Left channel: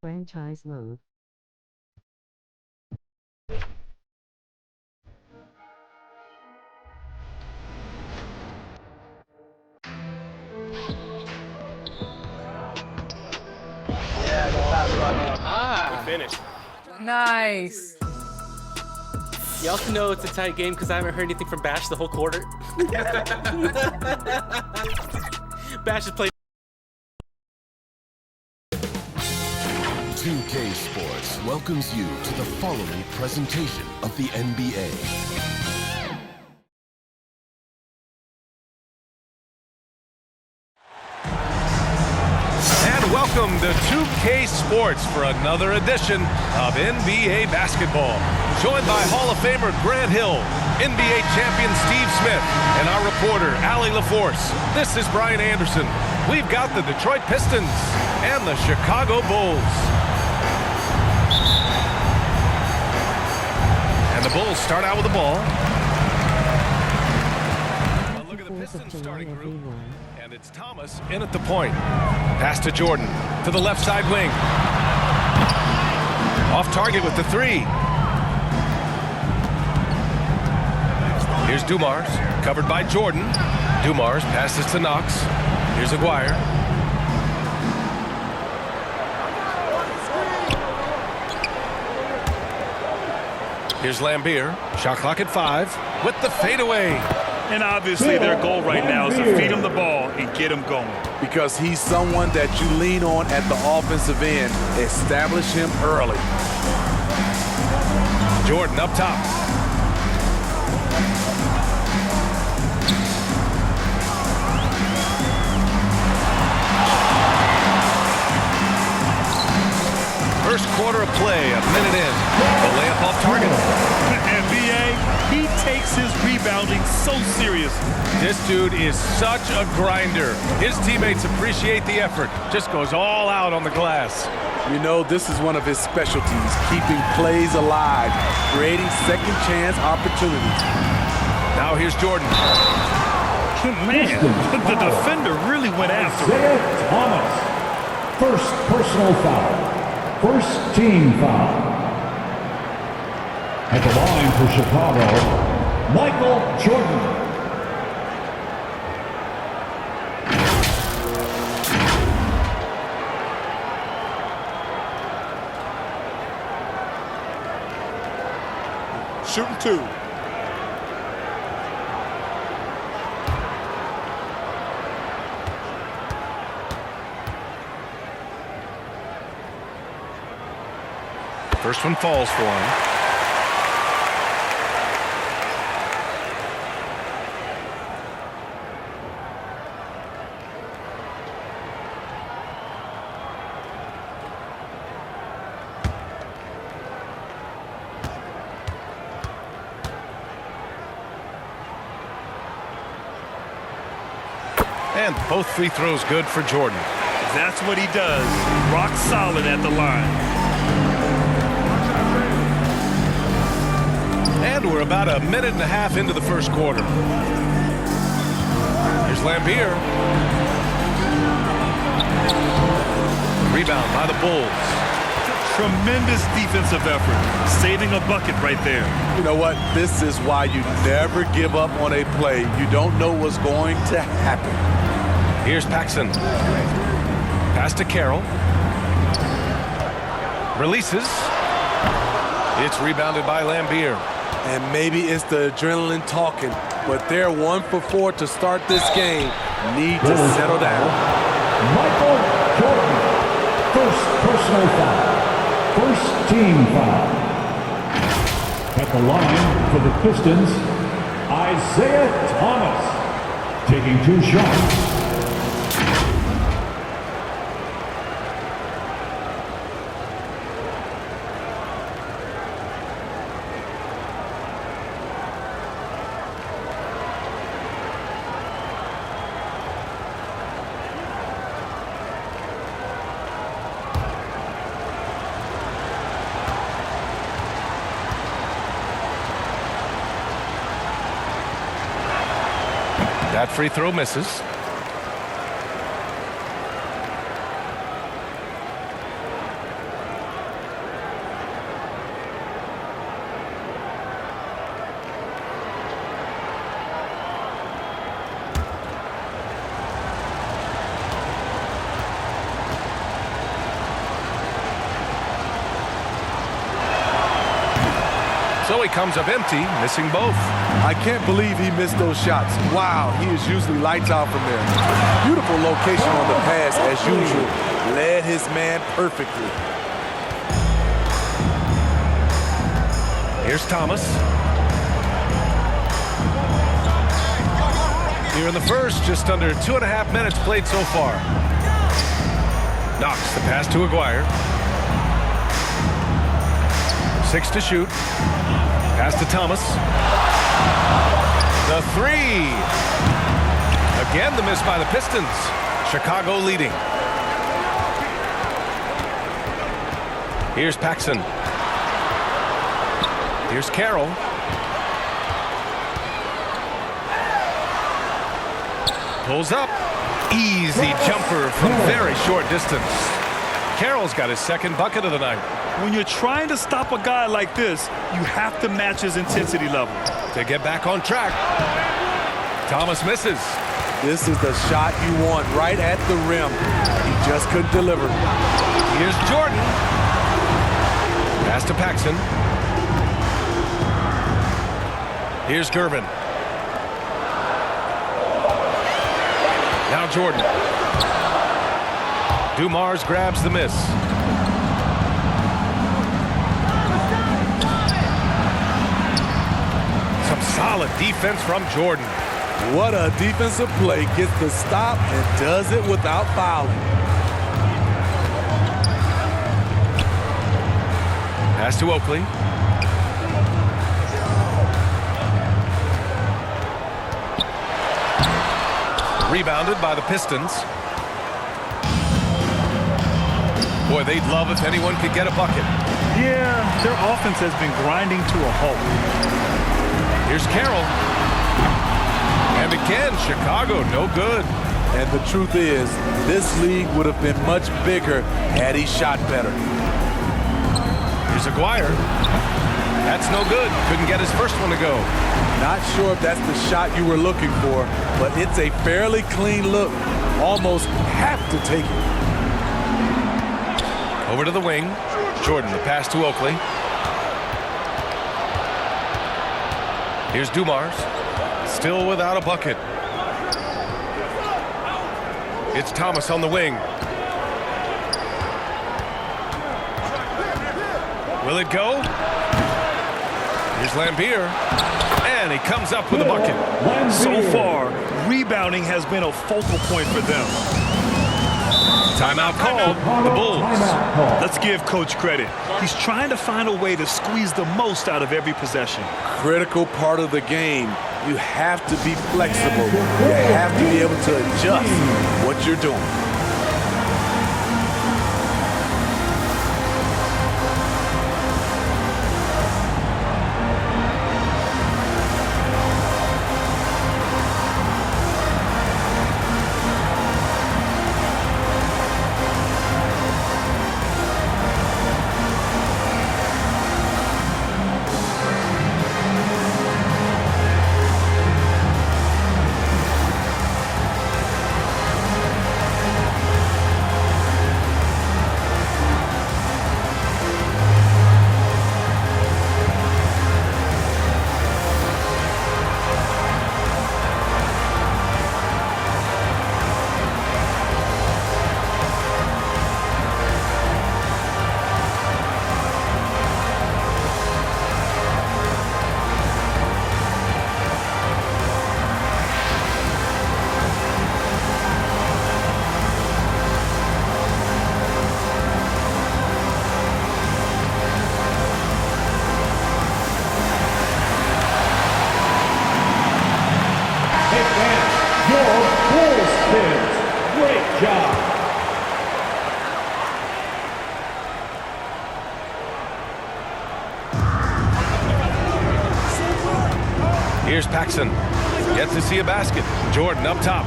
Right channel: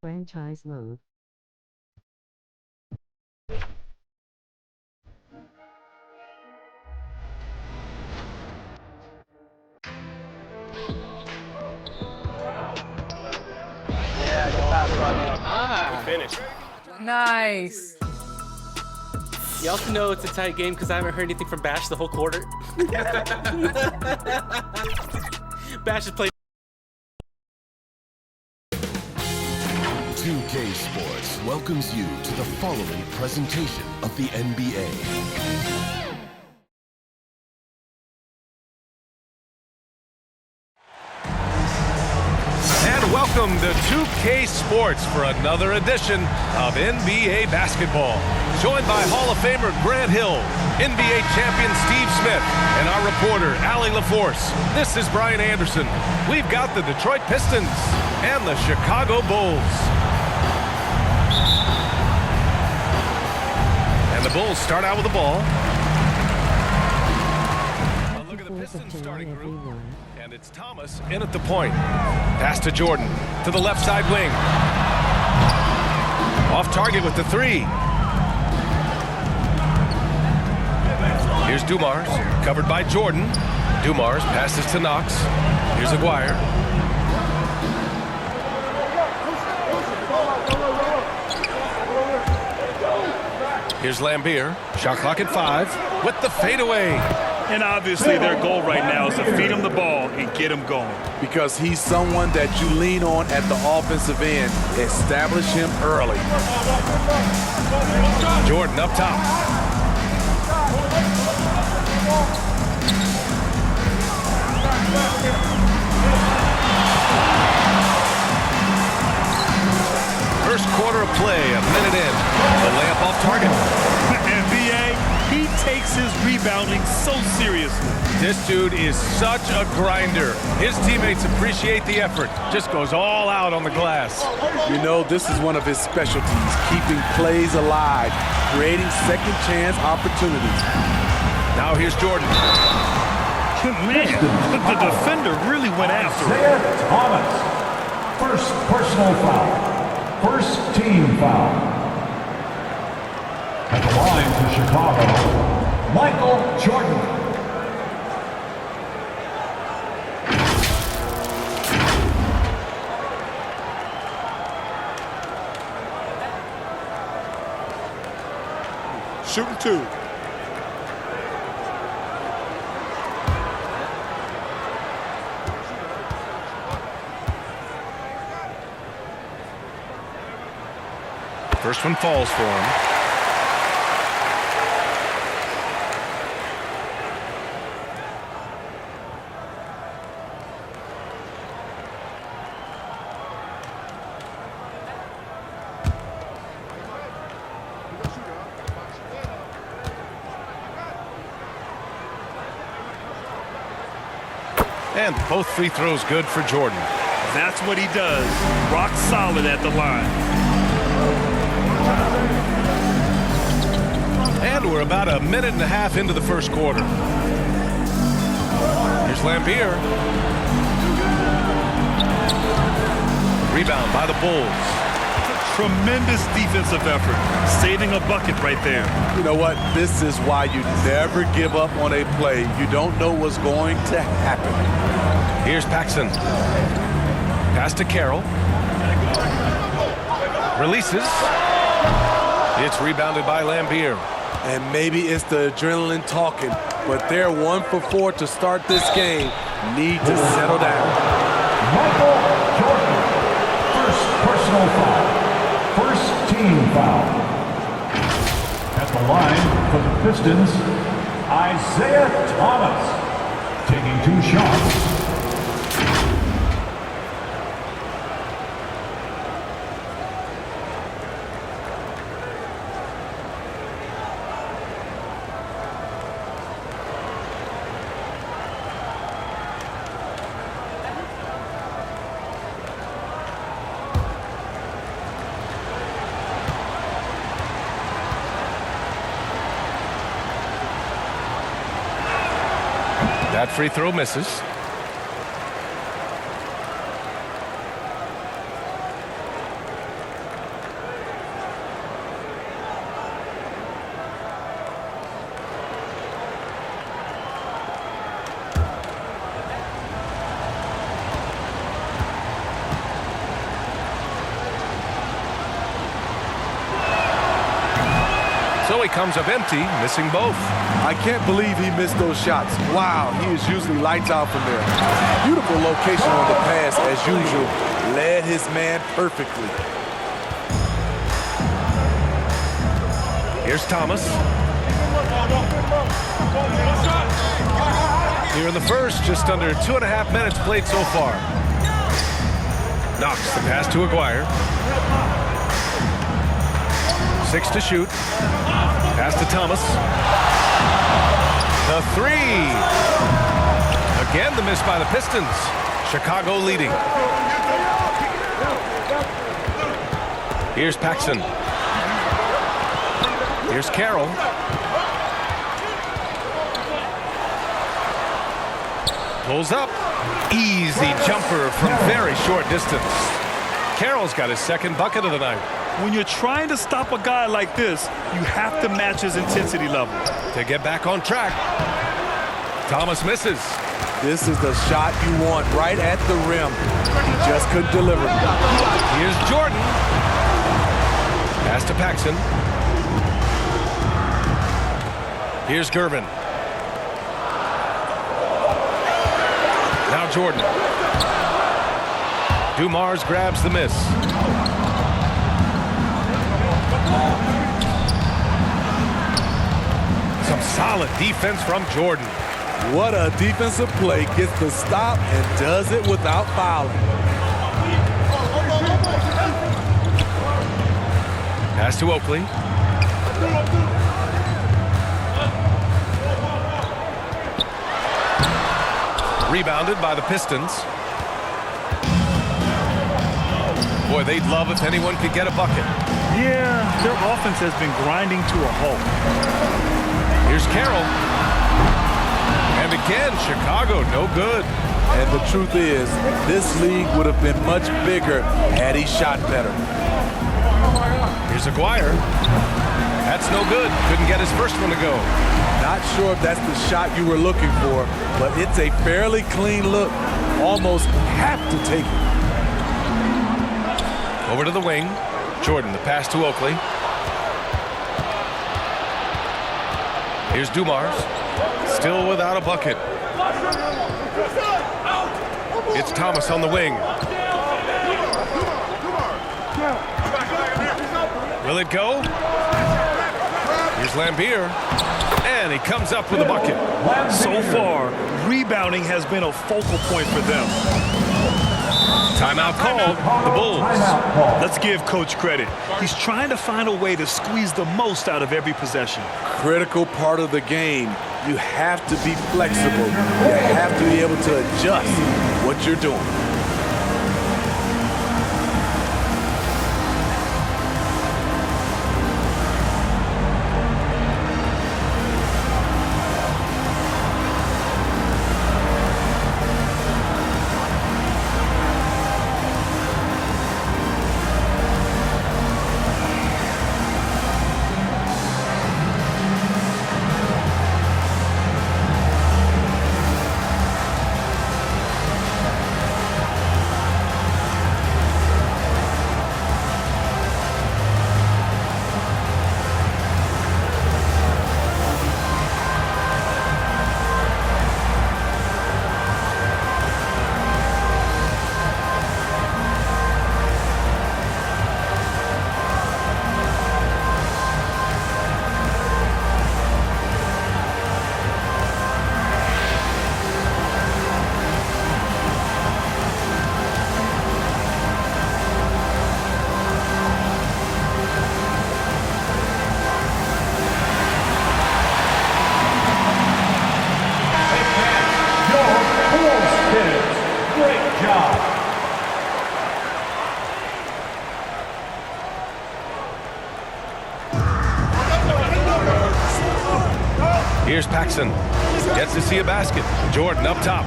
Franchise mode. Ah, Finish. nice. You also know it's a tight game because I haven't heard anything from Bash the whole quarter. Bash has played. 2K Sports welcomes you to the following presentation of the NBA. And welcome to 2K Sports for another edition of NBA basketball. Joined by Hall of Famer Grant Hill, NBA champion Steve Smith, and our reporter Allie LaForce. This is Brian Anderson. We've got the Detroit Pistons and the Chicago Bulls. And the Bulls start out with the ball. A look at the Pistons starting group. And it's Thomas in at the point. Pass to Jordan. To the left side wing. Off target with the three. Here's Dumars. Covered by Jordan. Dumars passes to Knox. Here's Aguirre. Here's Lambier. Shot clock at 5 with the fadeaway. And obviously their goal right now is to feed him the ball and get him going. Because he's someone that you lean on at the offensive end. Establish him early. Jordan up top. First quarter of play, a minute in. The layup off target. And B.A., he takes his rebounding so seriously. This dude is such a grinder. His teammates appreciate the effort. Just goes all out on the glass. You know, this is one of his specialties, keeping plays alive, creating second chance opportunities. Now here's Jordan. Man, the defender really went after him. Isaiah Thomas. First personal foul. First team foul. At the line for Chicago, Michael Jordan. Shooting two. First one falls for him. And both free throws good for Jordan. That's what he does. Rock solid at the line. And we're about a minute and a half into the first quarter. Here's Lambier. Rebound by the Bulls. Tremendous defensive effort. Saving a bucket right there. You know what? This is why you never give up on a play. You don't know what's going to happen. Here's Paxson. Pass to Carroll. Releases. It's rebounded by Lambier. And maybe it's the adrenaline talking, but they're 1 for 4 to start this game. Need to settle down. Michael Jordan. First personal foul. First team foul. At the line for the Pistons, Isaiah Thomas. Taking 2 shots. That free throw misses. So he comes up empty, missing both. I can't believe he missed those shots. Wow, he is usually lights out from there. Beautiful location on the pass as usual. Led his man perfectly. Here's Thomas. Here in the first, just under 2.5 minutes played so far. Knox the pass to Aguirre. 6 to shoot. Pass to Thomas. The three. Again, the miss by the Pistons. Chicago leading. Here's Paxson. Here's Carroll. Pulls up. Easy jumper from very short distance. Carroll's got his second bucket of the night. When you're trying to stop a guy like this, you have to match his intensity level. To get back on track. Thomas misses. This is the shot you want right at the rim. He just couldn't deliver. Here's Jordan. Pass to Paxson. Here's Gervin. Now Jordan. Dumars grabs the miss. Some solid defense from Jordan. What a defensive play. Gets the stop and does it without fouling. Pass to Oakley. Rebounded by the Pistons. Boy, they'd love if anyone could get a bucket. Yeah, their offense has been grinding to a halt. Here's Carroll. And again, Chicago, no good. And the truth is, this league would have been much bigger had he shot better. Here's Aguirre. That's no good. Couldn't get his first one to go. Not sure if that's the shot you were looking for, but it's a fairly clean look. Almost have to take it. Over to the wing. Jordan, the pass to Oakley. Here's Dumars. Still without a bucket. It's Thomas on the wing. Will it go? Here's Lambier. And he comes up with a bucket. So far, rebounding has been a focal point for them. Timeout called. The Bulls. Let's give Coach credit. He's trying to find a way to squeeze the most out of every possession. Critical part of the game. You have to be flexible. You have to be able to adjust what you're doing. Great job. Here's Paxson. Gets to see a basket. Jordan up top.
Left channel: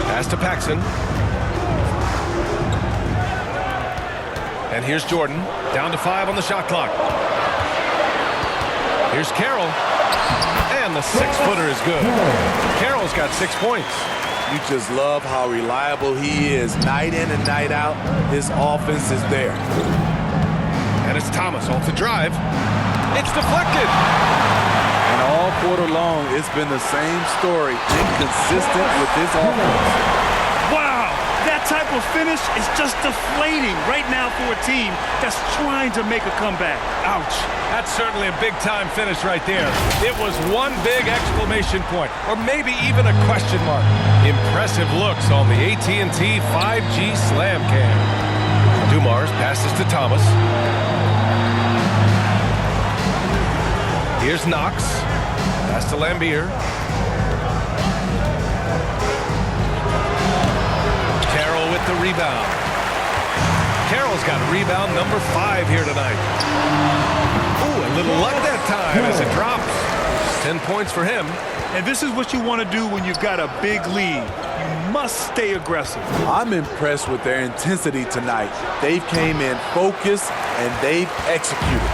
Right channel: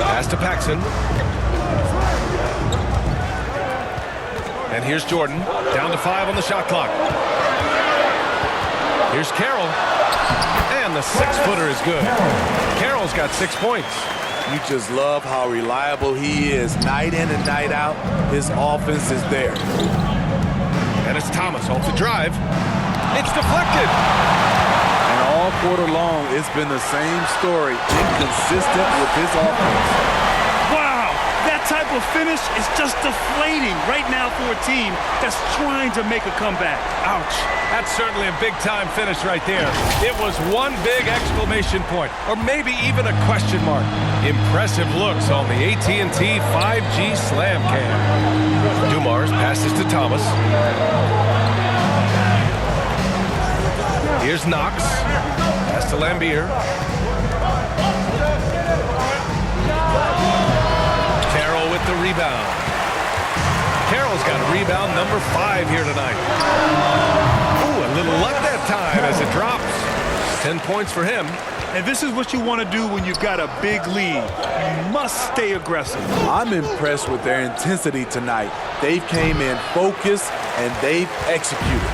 Pass to Paxson. And here's Jordan. Down to 5 on the shot clock. Here's Carroll. And the 6-footer is good. Carroll's got 6 points. You just love how reliable he is. Night in and night out, his offense is there. And it's Thomas off the drive. It's deflected. And all quarter long, it's been the same story, inconsistent with his offense. Wow, that type of finish is just deflating right now for a team that's trying to make a comeback. Ouch. That's certainly a big-time finish right there. It was one big exclamation point, or maybe even a question mark. Impressive looks on the AT&T 5G Slam Cam. Dumars passes to Thomas. Here's Knox. Pass to Lambier. Carroll with the rebound. Carroll's got a rebound number 5 here tonight. Ooh, a little luck that time as it drops. 10 points for him. And this is what you want to do when you've got a big lead. You must stay aggressive. I'm impressed with their intensity tonight. They've came in focused and they've executed.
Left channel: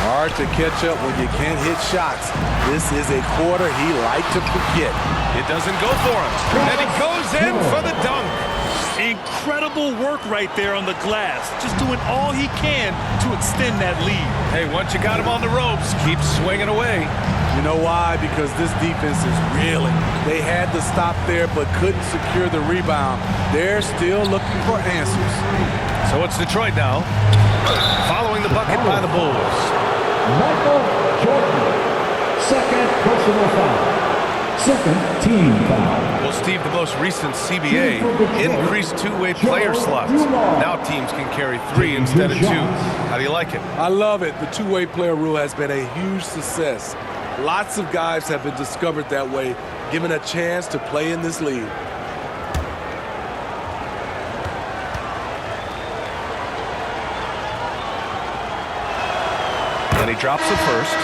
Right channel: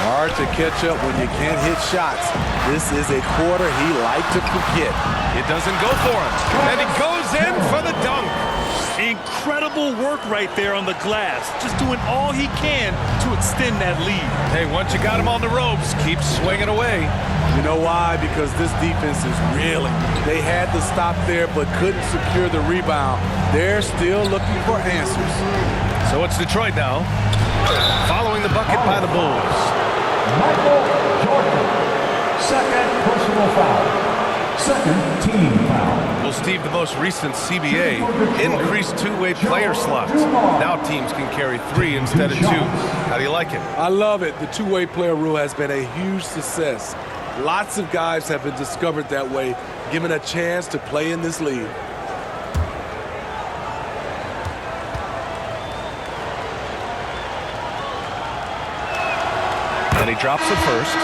Hard to catch up when you can't hit shots. This is a quarter he liked to forget. It doesn't go for him. And he goes in for the dunk. Incredible work right there on the glass. Just doing all he can to extend that lead. Hey, once you got him on the ropes, keep swinging away. You know why? Because this defense is reeling. They had to stop there but couldn't secure the rebound. They're still looking for answers. So it's Detroit now, following the bucket by the Bulls. Michael Jordan. Second personal foul. Second team foul. Well, Steve, the most recent CBA increased two-way player slots. Now teams can carry 3 instead of 2. How do you like it? I love it. The two-way player rule has been a huge success. Lots of guys have been discovered that way, given a chance to play in this league. And he drops it first.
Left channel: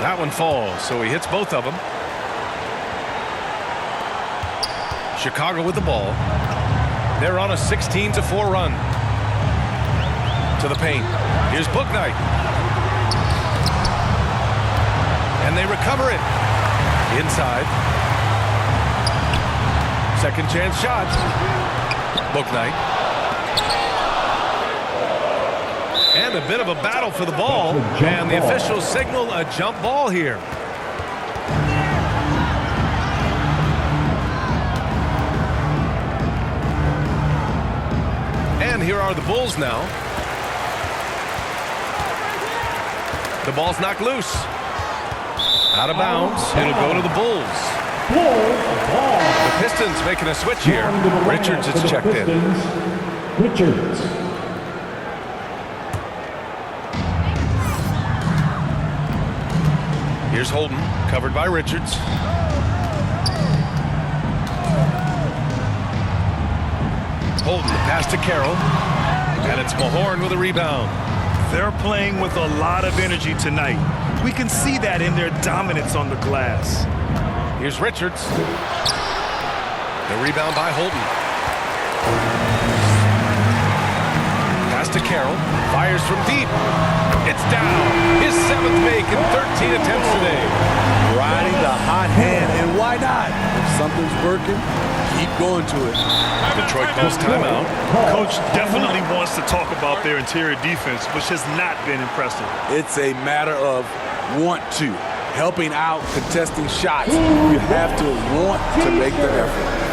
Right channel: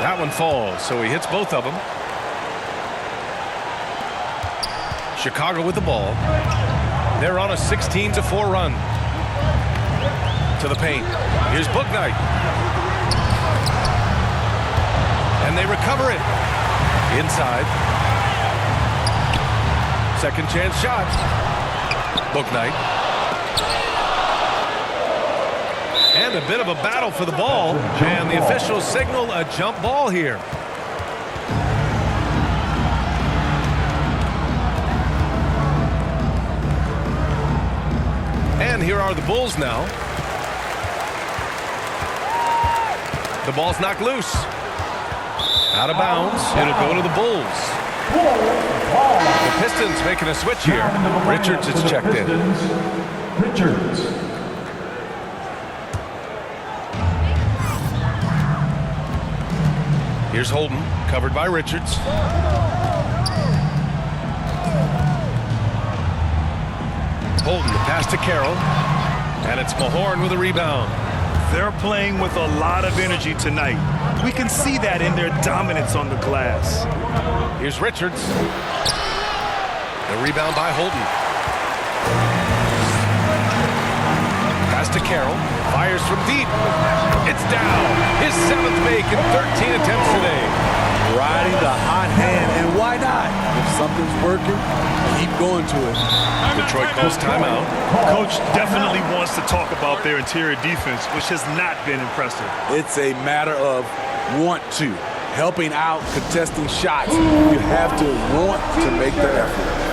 That one falls, so he hits both of them. Chicago with the ball. They're on a 16-4 run. To the paint. Here's Bouknight. And they recover it. Inside. Second chance shot. Bouknight. And a bit of a battle for the ball. And the officials signal a jump ball here. And here are the Bulls now. The ball's knocked loose. Out of bounds. It'll go to the Bulls. The Pistons making a switch here. Richards is checked in. Richards. Here's Holden, covered by Richards. Holden, the pass to Carroll. And it's Mahorn with a rebound. They're playing with a lot of energy tonight. We can see that in their dominance on the glass. Here's Richards. The rebound by Holden. Pass to Carroll. Fires from deep. It's down. His 7th make in 13 attempts today. Riding the hot hand, and why not? If something's working, keep going to it. Detroit calls timeout. Coach definitely wants to talk about their interior defense, which has not been impressive. It's a matter of want to. Helping out, contesting shots. You have to want to make the effort.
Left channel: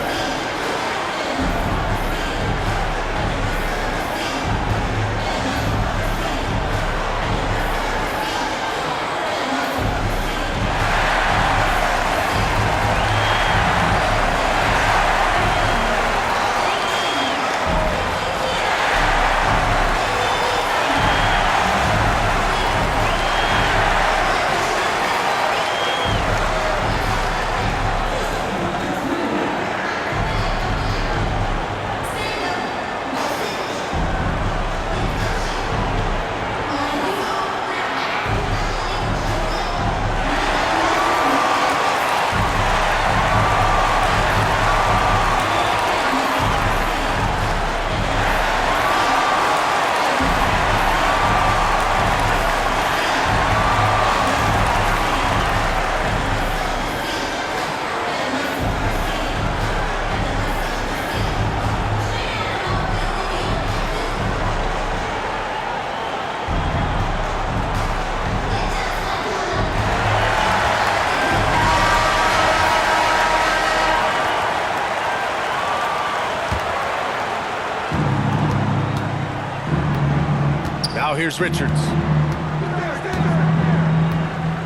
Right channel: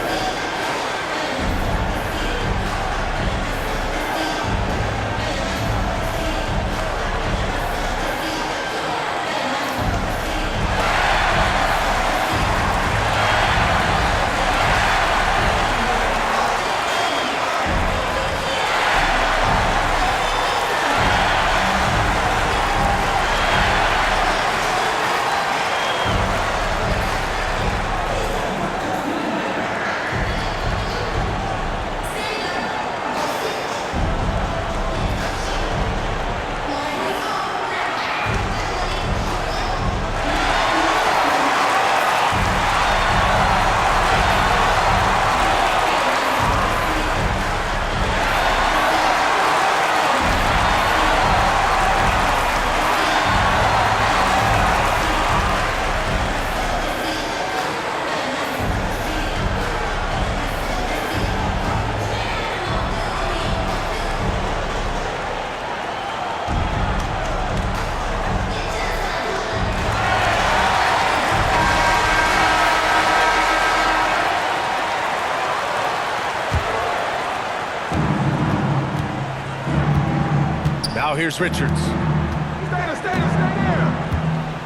Now here's Richards.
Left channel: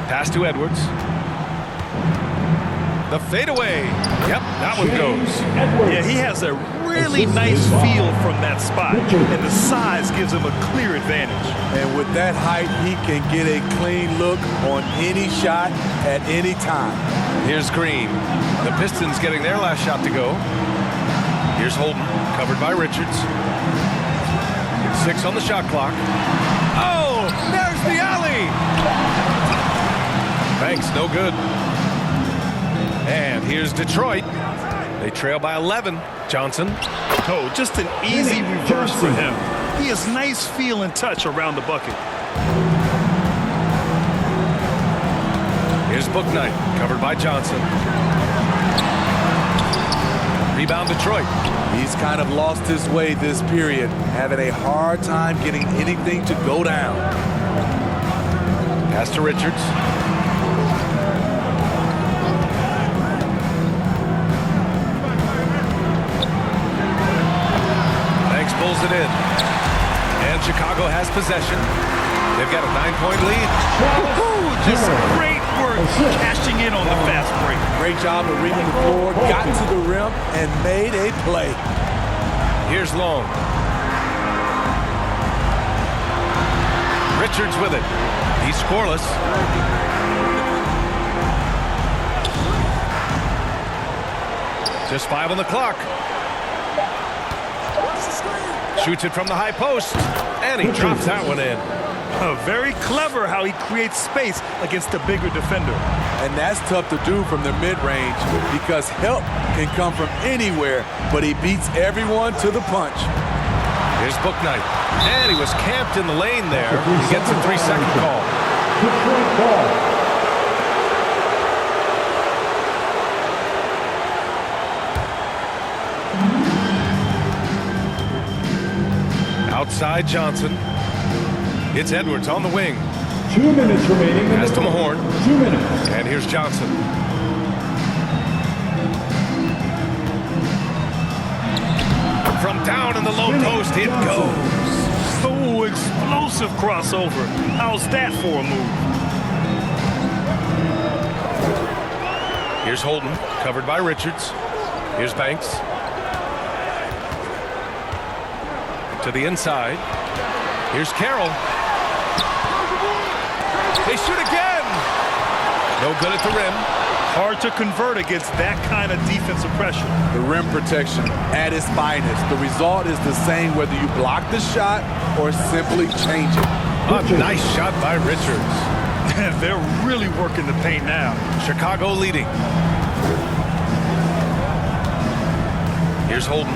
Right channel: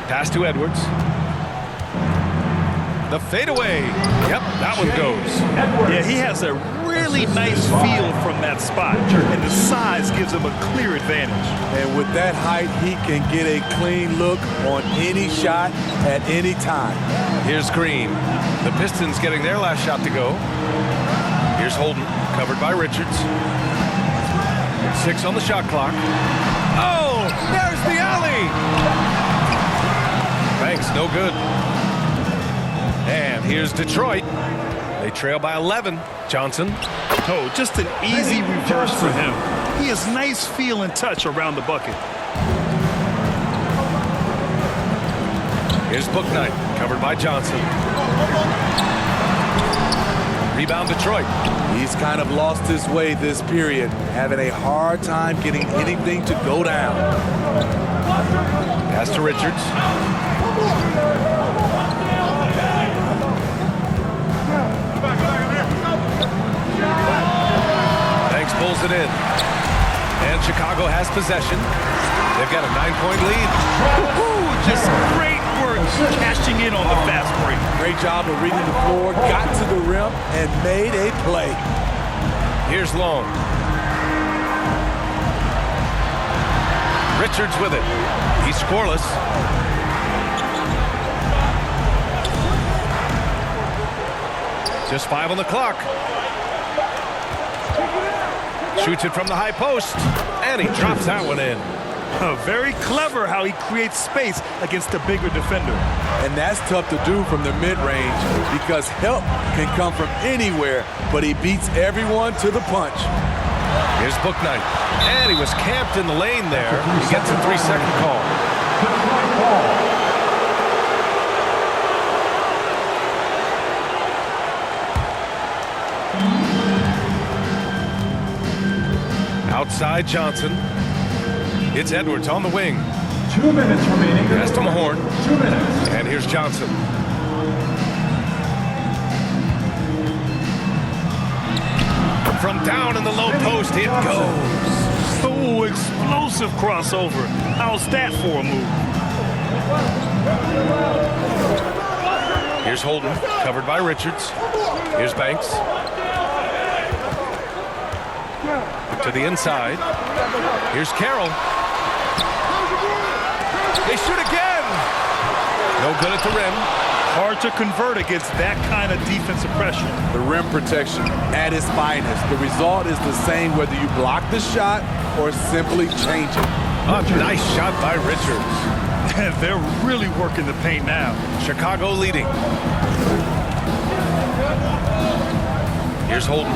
Pass to Edwards. The fadeaway. Yep, that one goes. Yeah, he has a really nice feel from that spot, and the size gives him a clear advantage. And with that height, he can get a clean look on any shot at any time. Here's Green. The Pistons getting their last shot to go. Here's Holden, covered by Richards. 6 on the shot clock. Oh, there's the alley. Banks, no good. And here's Detroit. They trail by 11. Johnson. Oh, just an easy reverse for him. He has nice feel and touch around the bucket. Here's Bouknight, covered by Johnson. Rebound Detroit. He's kind of lost his way this period, having a hard time getting anything to go down. Pass to Richards. Banks pulls it in. And Chicago has possession. They've got a 9-point lead. Just great work cashing in on the fast break. Great job of reading the floor, got to the rim, and made a play. Here's Long. Richards with it. He's scoreless. Just 5 on the clock. Shoots it from the high post, and he drops that one in. Very clever how he creates space against a bigger defender. And that's tough to do from the mid-range because help can come from anywhere, but he beats everyone to the punch. Here's Bouknight. And he was camped in the lane there. He gets a 3-second call. Detroit ball. Outside Johnson. It's Edwards on the wing. 2 minutes remaining. Pass to Mahorn. 2 minutes. And here's Johnson. From down in the low post, it goes. Oh, explosive crossover. How's that for a move? Here's Holden, covered by Richards. Here's Banks. To the inside. Here's Carroll. They shoot again. No good at the rim. Hard to convert against that kind of defensive pressure. The rim protection at its finest. The result is the same whether you block the shot or simply change it. A nice shot by Richards. They're really working the paint now. Chicago leading. Here's Holden.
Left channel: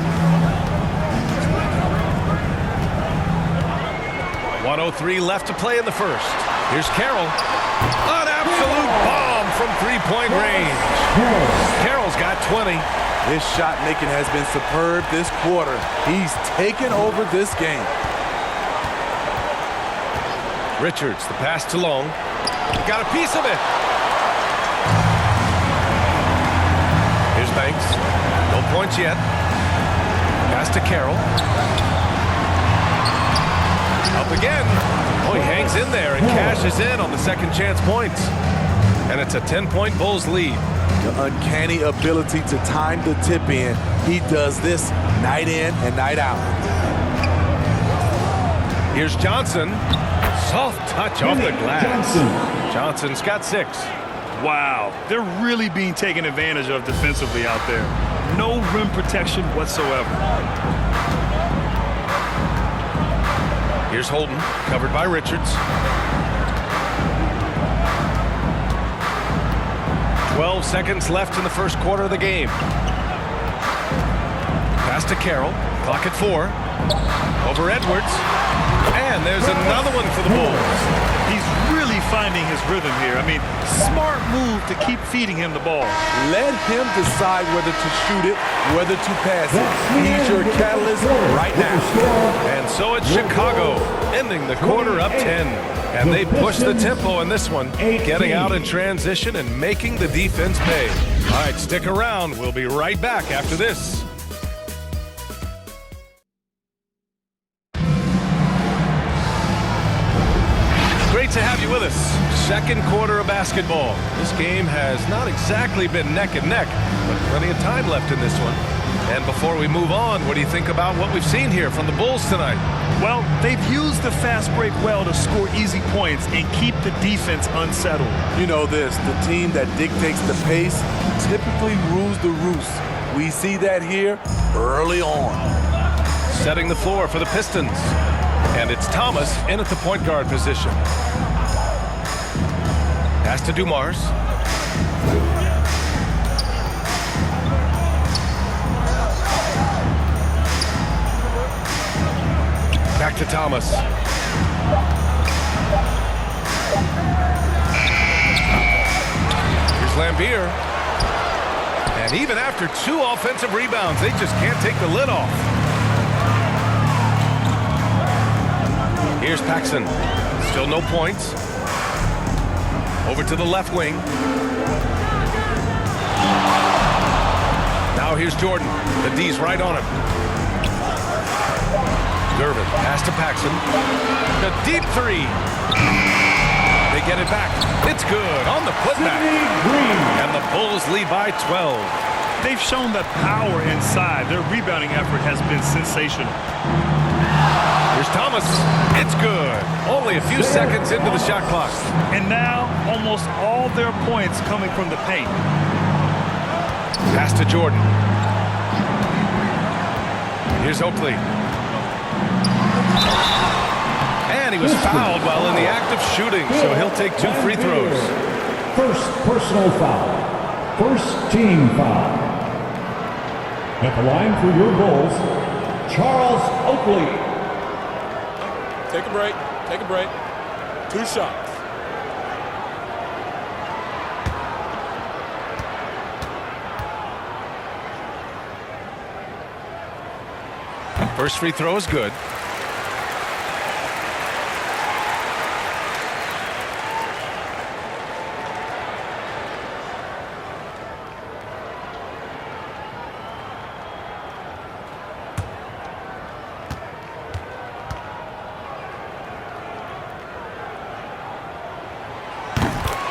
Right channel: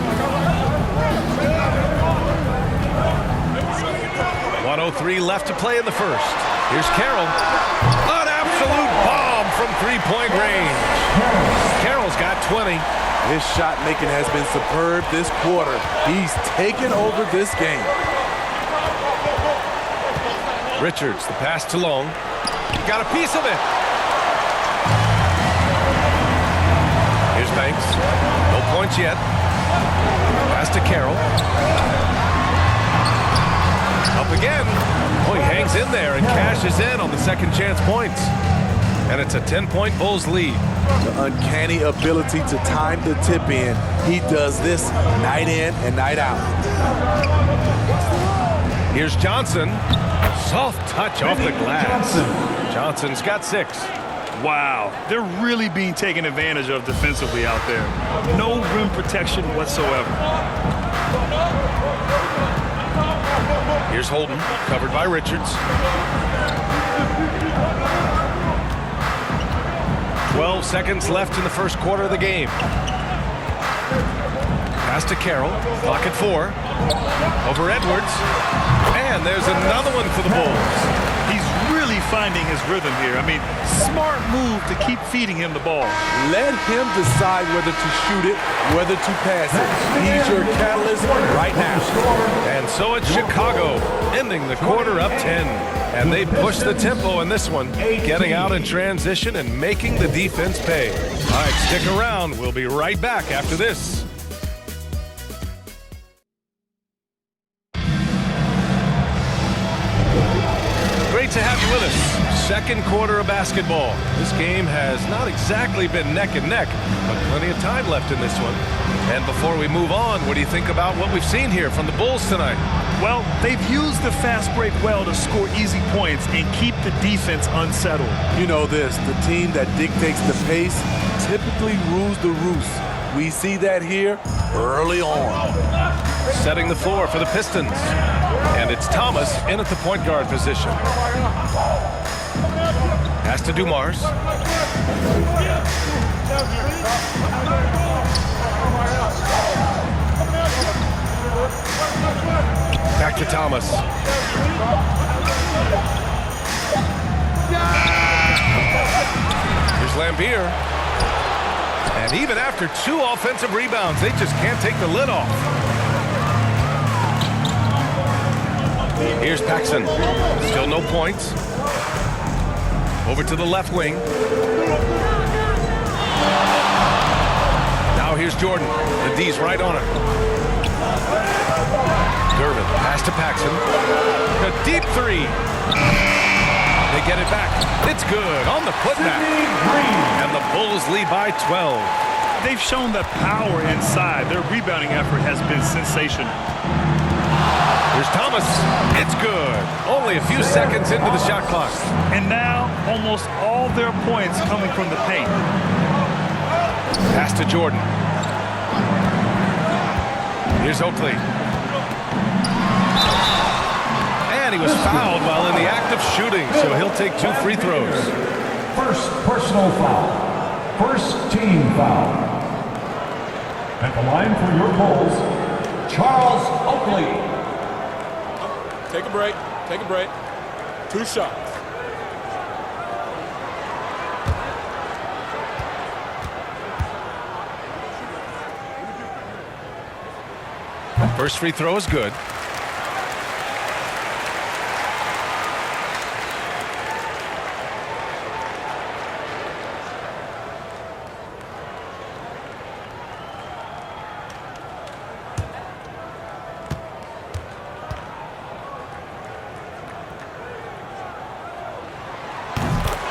1:03 left to play in the first. Here's Carroll. An absolute bomb from three-point range. Carroll's got 20. His shot making has been superb this quarter. He's taken over this game. Richards, the pass to Long. He got a piece of it. Here's Banks. No points yet. Pass to Carroll. Up again. Oh, he hangs in there and cashes in on the second chance points. And it's a 10-point Bulls lead. The uncanny ability to time the tip in. He does this night in and night out. Here's Johnson. Soft touch off the glass. Johnson's got 6. Wow, they're really being taken advantage of defensively out there. No rim protection whatsoever. Here's Holden, covered by Richards. 12 seconds left in the first quarter of the game. Pass to Carroll, clock at 4. Over Edwards. And there's another one for the Bulls. He's really finding his rhythm here. I mean, smart move to keep feeding him the ball. Let him decide whether to shoot it, whether to pass it. He's your catalyst right now. And so it's Chicago, ending the quarter up 10. And they push the tempo in this one, getting out in transition and making the defense pay. All right, stick around. We'll be right back after this. to have you with us. Second quarter of basketball. This game has not exactly been neck and neck, but plenty of time left in this one. And before we move on, what do you think about what we've seen here from the Bulls tonight? Well, they've used the fast break well to score easy points and keep the defense unsettled. You know this, the team that dictates the pace typically rules the roost. We see that here early on. Setting the floor for the Pistons. And it's Thomas in at the point guard position. Pass to Dumars. Back to Thomas. Here's Lambier. And even after 2 offensive rebounds, they just can't take the lid off. Here's Paxson. Still no points. Over to the left wing. Now here's Jordan. The D's right on him. Gervin, pass to Paxson. A deep 3. They get it back. It's good on the putback. And the Bulls lead by 12. They've shown the power inside. Their rebounding effort has been sensational. Here's Thomas. It's good. Only a few seconds into the shot clock. And now almost all their points coming from the paint. Pass to Jordan. Here's Oakley. And he was fouled while in the act of shooting, so he'll take 2 free throws. First personal foul. First team foul. At the line for your Bulls, Charles Oakley. Take a break. Take a break. 2 shots. First free throw is good.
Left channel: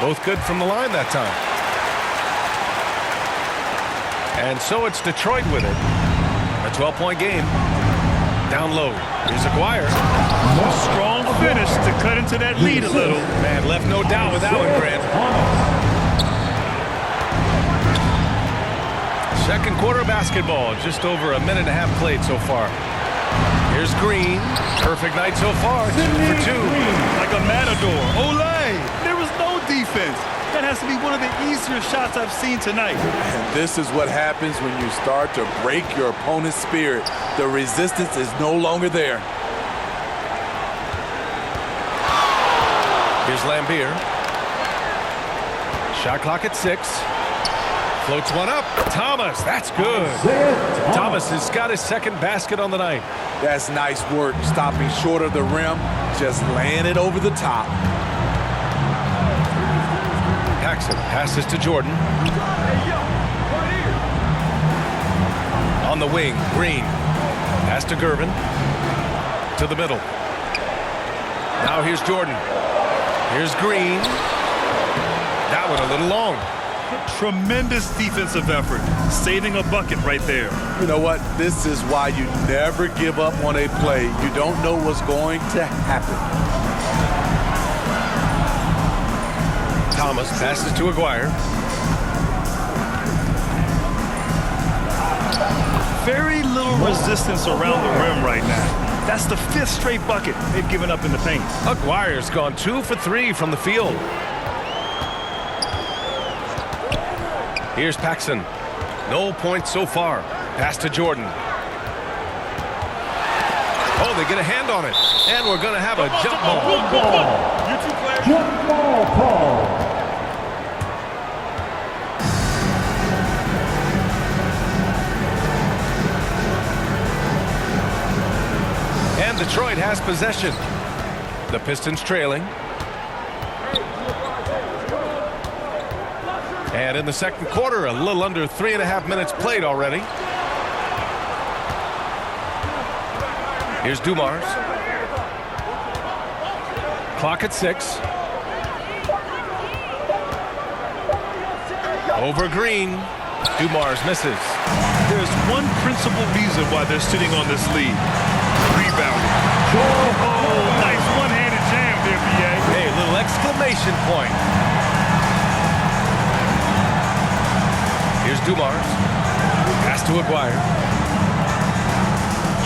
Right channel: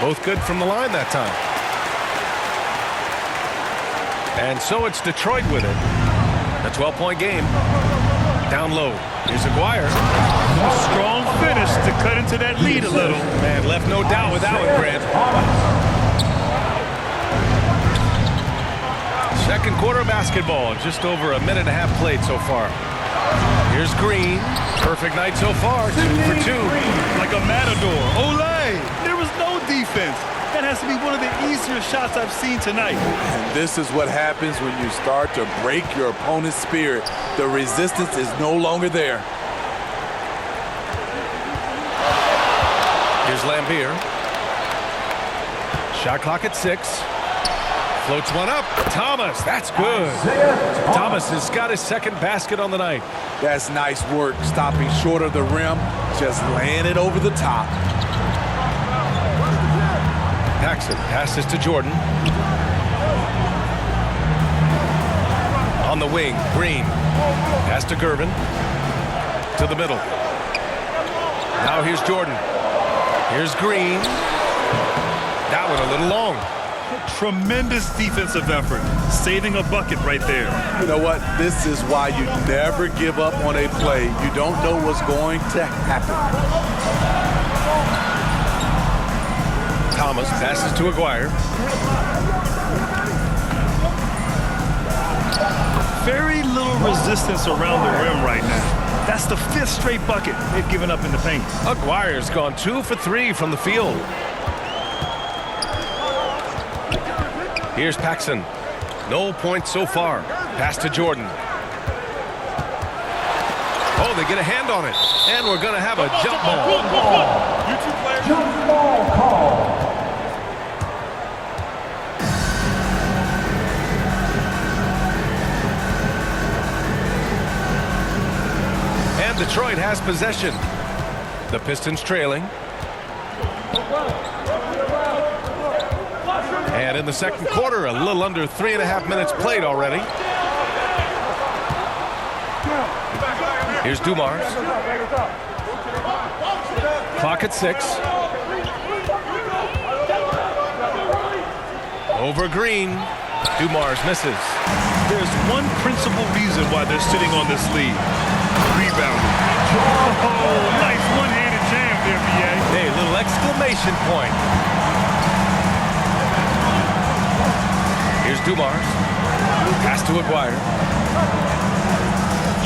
Both good from the line that time. And so it's Detroit with it. A 12-point game. Down low. Here's Aguirre. A strong finish to cut into that lead a little. Man, left no doubt with that one, Grant. Second quarter of basketball. Just over a minute and a half played so far. Here's Green. Perfect night so far. 2 for 2. Like a matador. Olay! There was no defense. That has to be one of the easier shots I've seen tonight. And this is what happens when you start to break your opponent's spirit. The resistance is no longer there. Here's Lambier. Shot clock at 6. Floats one up. Thomas, that's good. Thomas has got his second basket on the night. That's nice work, stopping short of the rim, just laying it over the top. Paxson passes to Jordan. On the wing, Green. Pass to Gervin. To the middle. Now here's Jordan. Here's Green. That one a little long. Tremendous defensive effort. Saving a bucket right there. You know what? This is why you never give up on a play. You don't know what's going to happen. Thomas passes to Aguirre. Very little resistance around the rim right now. That's the 5th straight bucket they've given up in the paint. Aguirre's gone 2 for 3 from the field. Here's Paxson. No points so far. Pass to Jordan. Oh, they get a hand on it. And we're going to have a jump ball. You 2 players. Jump ball call. And Detroit has possession. The Pistons trailing. And in the second quarter, a little under 3.5 minutes played already. Here's Dumars. Clock at 6. Over Green. Dumars misses. There's one principal reason why they're sitting on this lead. Rebounding. Oh, nice one-handed jam there, B.A. Hey, little exclamation point. Here's Dumars. Pass to Aguirre.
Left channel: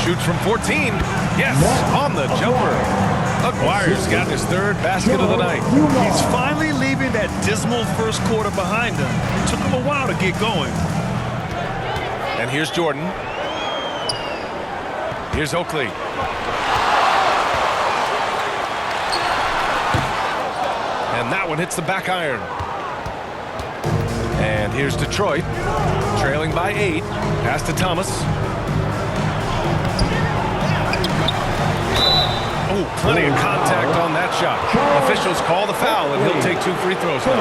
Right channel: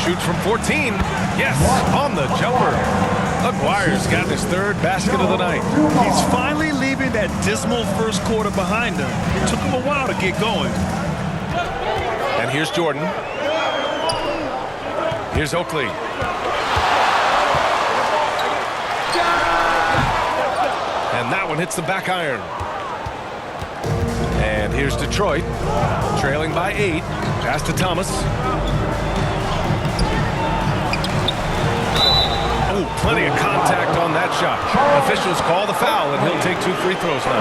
Shoots from 14. Yes, on the jumper. Aguirre's got his third basket of the night. He's finally leaving that dismal first quarter behind him. It took him a while to get going. And here's Jordan. Here's Oakley. And that one hits the back iron. And here's Detroit, trailing by 8. Pass to Thomas. Oh, plenty of contact on that shot. Officials call the foul, and he'll take 2 free throws now.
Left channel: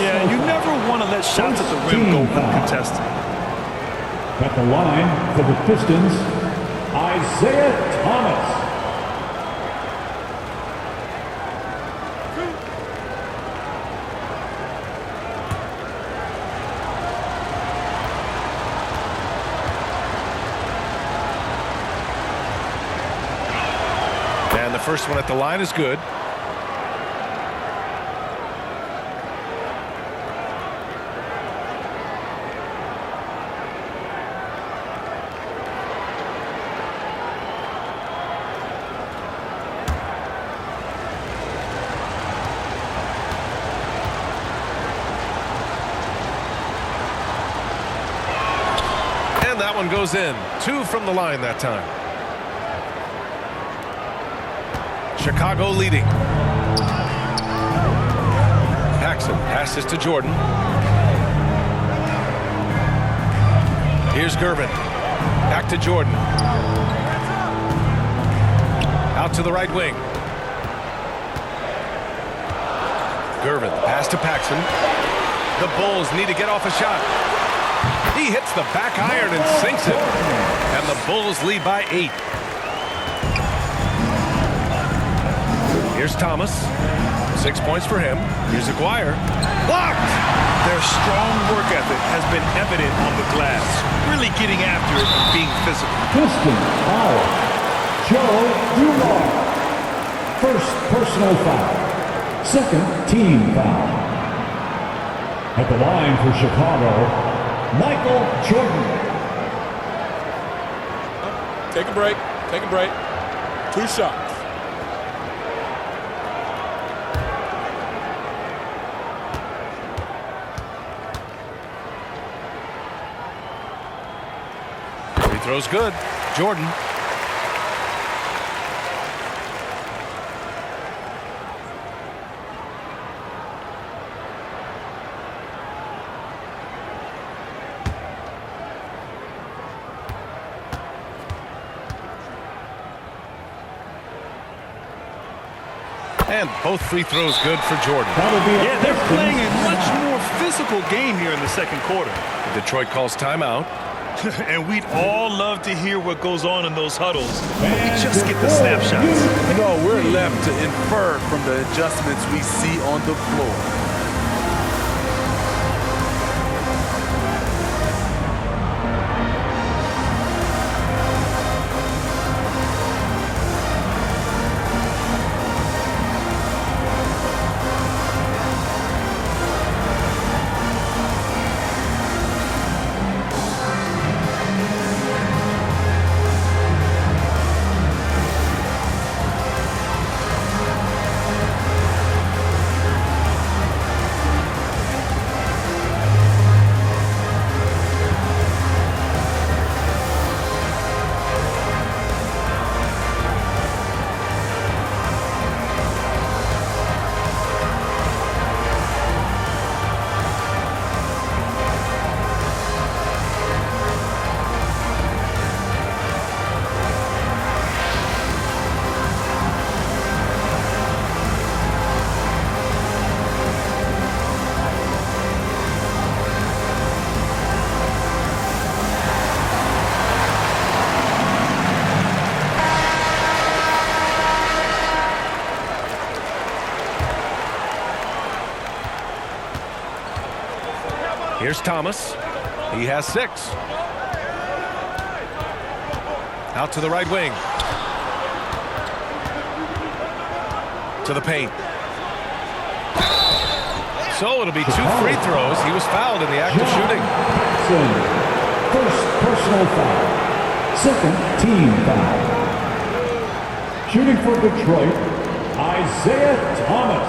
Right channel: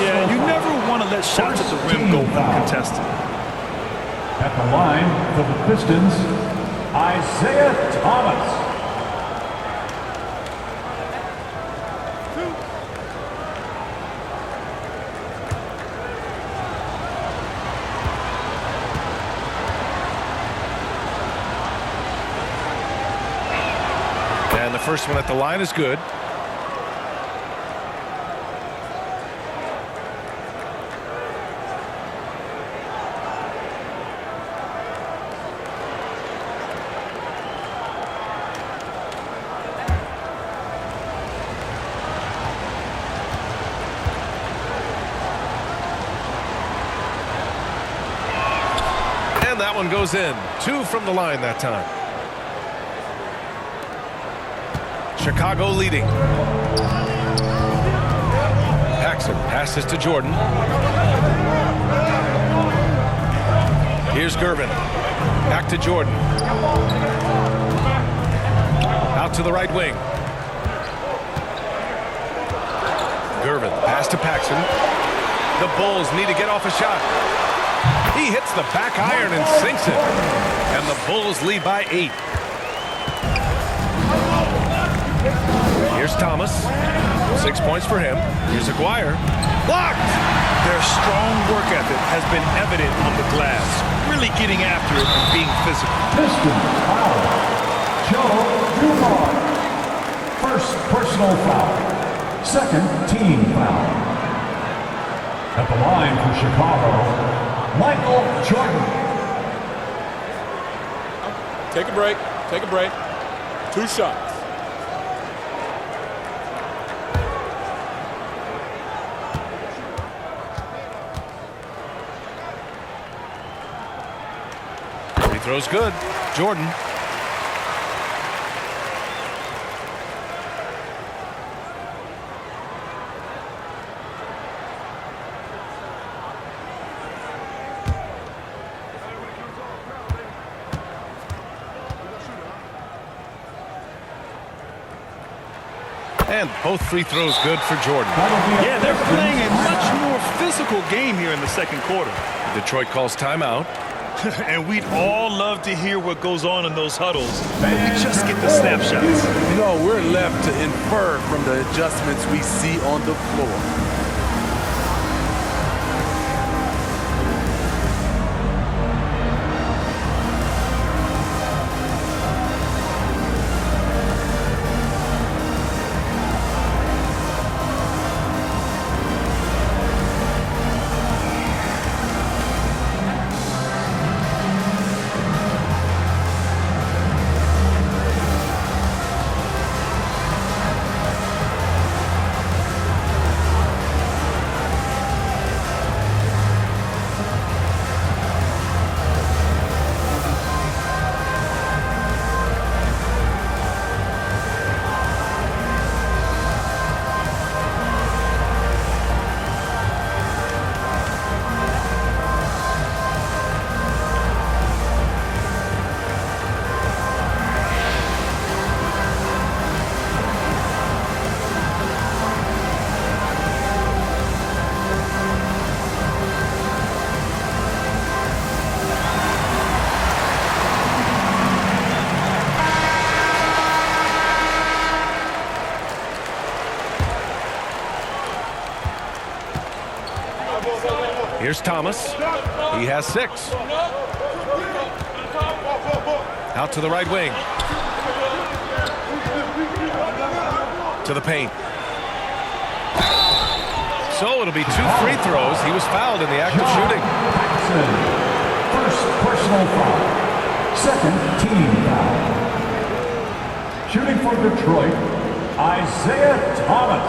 Yeah, you never want to let shots at the rim go uncontested. At the line for the Pistons, Isaiah Thomas. And the first one at the line is good. And that one goes in. 2 from the line that time. Chicago leading. Paxson passes to Jordan. Here's Gervin. Back to Jordan. Out to the right wing. Gervin, pass to Paxson. The Bulls need to get off a shot. He hits the back iron and sinks it. And the Bulls lead by 8. Here's Thomas. 6 points for him. Here's Aguirre. Blocked! Their strong work ethic has been evident on the glass, really getting after it and being physical. Pistons foul. Joe Dumars. First personal foul. Second team foul. At the line for Chicago, Michael Jordan. Take a break. Take a break. 2 shots. Free throw's good. Jordan. And both free throws good for Jordan. Yeah, they're playing a much more physical game here in the second quarter. Detroit calls timeout. And we'd all love to hear what goes on in those huddles, but we just get the snapshots. You know, we're left to infer from the adjustments we see on the floor. Here's Thomas. He has 6. Out to the right wing. To the paint. So it'll be 2 free throws. He was fouled in the act of shooting. First personal foul. Second team foul. Shooting for Detroit, Isaiah Thomas.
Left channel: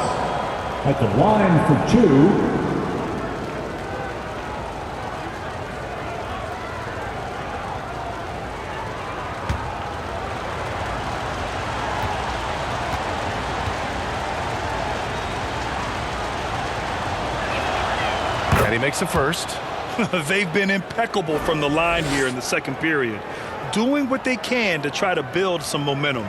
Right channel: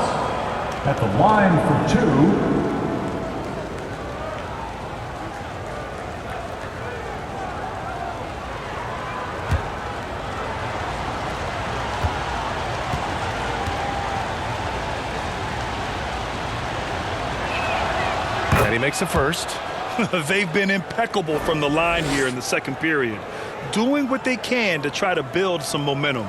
At the line for 2. And he makes the first. They've been impeccable from the line here in the second period, doing what they can to try to build some momentum.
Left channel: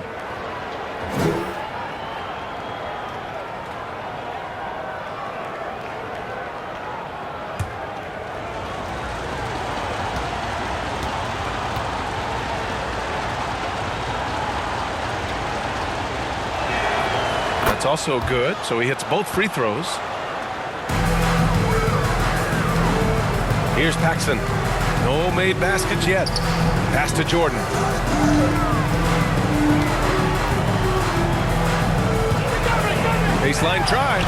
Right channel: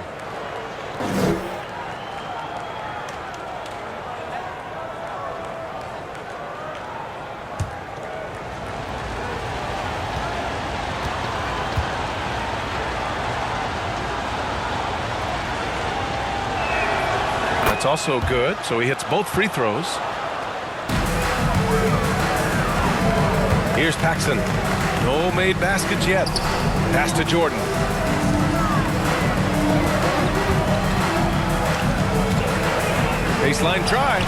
That's also good. So he hits both free throws. Here's Paxson. No made baskets yet. Pass to Jordan. Baseline try.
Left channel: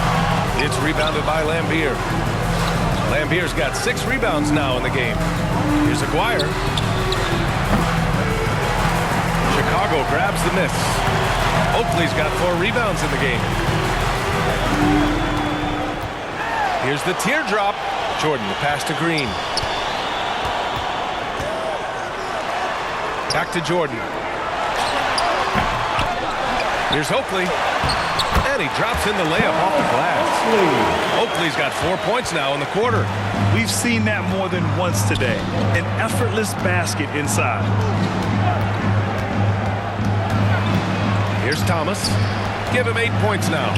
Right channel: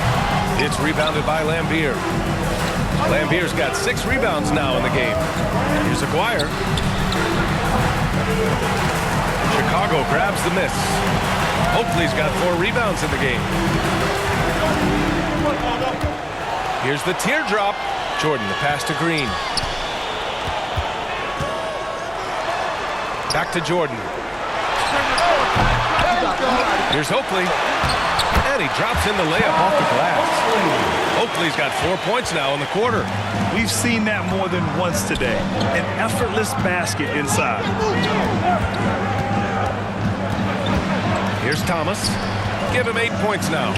It's rebounded by Lambier. Lambier's got 6 rebounds now in the game. Here's Aguirre. Chicago grabs the miss. Oakley's got 4 rebounds in the game. Here's the teardrop. Jordan, the pass to Green. Back to Jordan. Here's Oakley. And he drops in the layup off the glass. Oakley's got 4 points now in the quarter. We've seen that more than once today. An effortless basket inside. Here's Thomas. Give him 8 points now.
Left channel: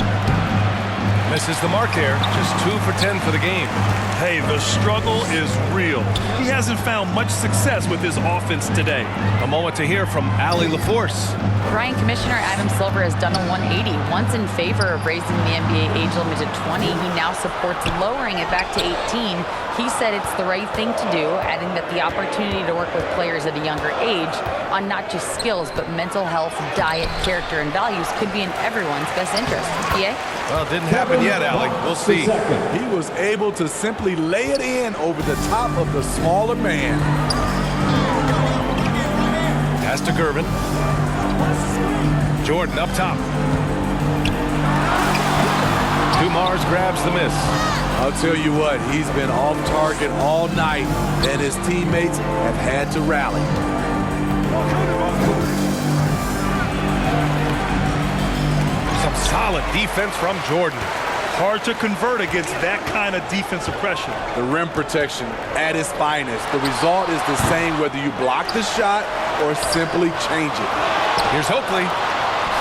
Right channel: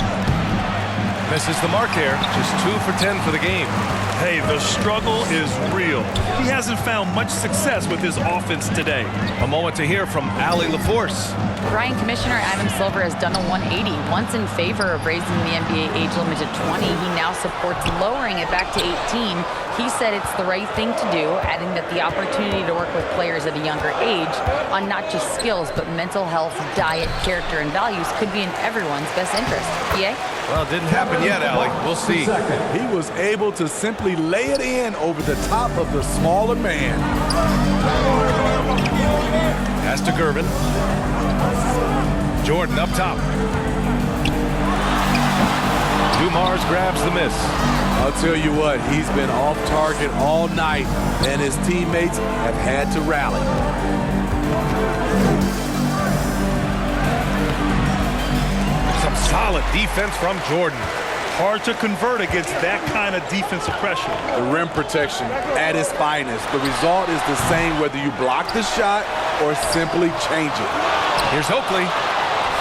Misses the mark there. Just 2 for 10 for the game. Hey, the struggle is real. He hasn't found much success with his offense today. A moment to hear from Allie LaForce. Ryan, Commissioner Adam Silver has done a 180. Once in favor of raising the NBA age limit to 20, he now supports lowering it back to 18. He said it's the right thing to do, adding that the opportunity to work with players at a younger age on not just skills, but mental health, diet, character, and values could be in everyone's best interest. PA? Well, it didn't happen yet, Allie. We'll see. He was able to simply lay it in over the top of the smaller man. Pass to Gervin. Jordan up top. Dumars grabs the miss. I'll tell you what, he's been off target all night, and his teammates have had to rally. Some solid defense from Jordan. Hard to convert against that kind of defensive pressure. The rim protection at its finest. The result is the same whether you block the shot or simply change it. Here's Oakley.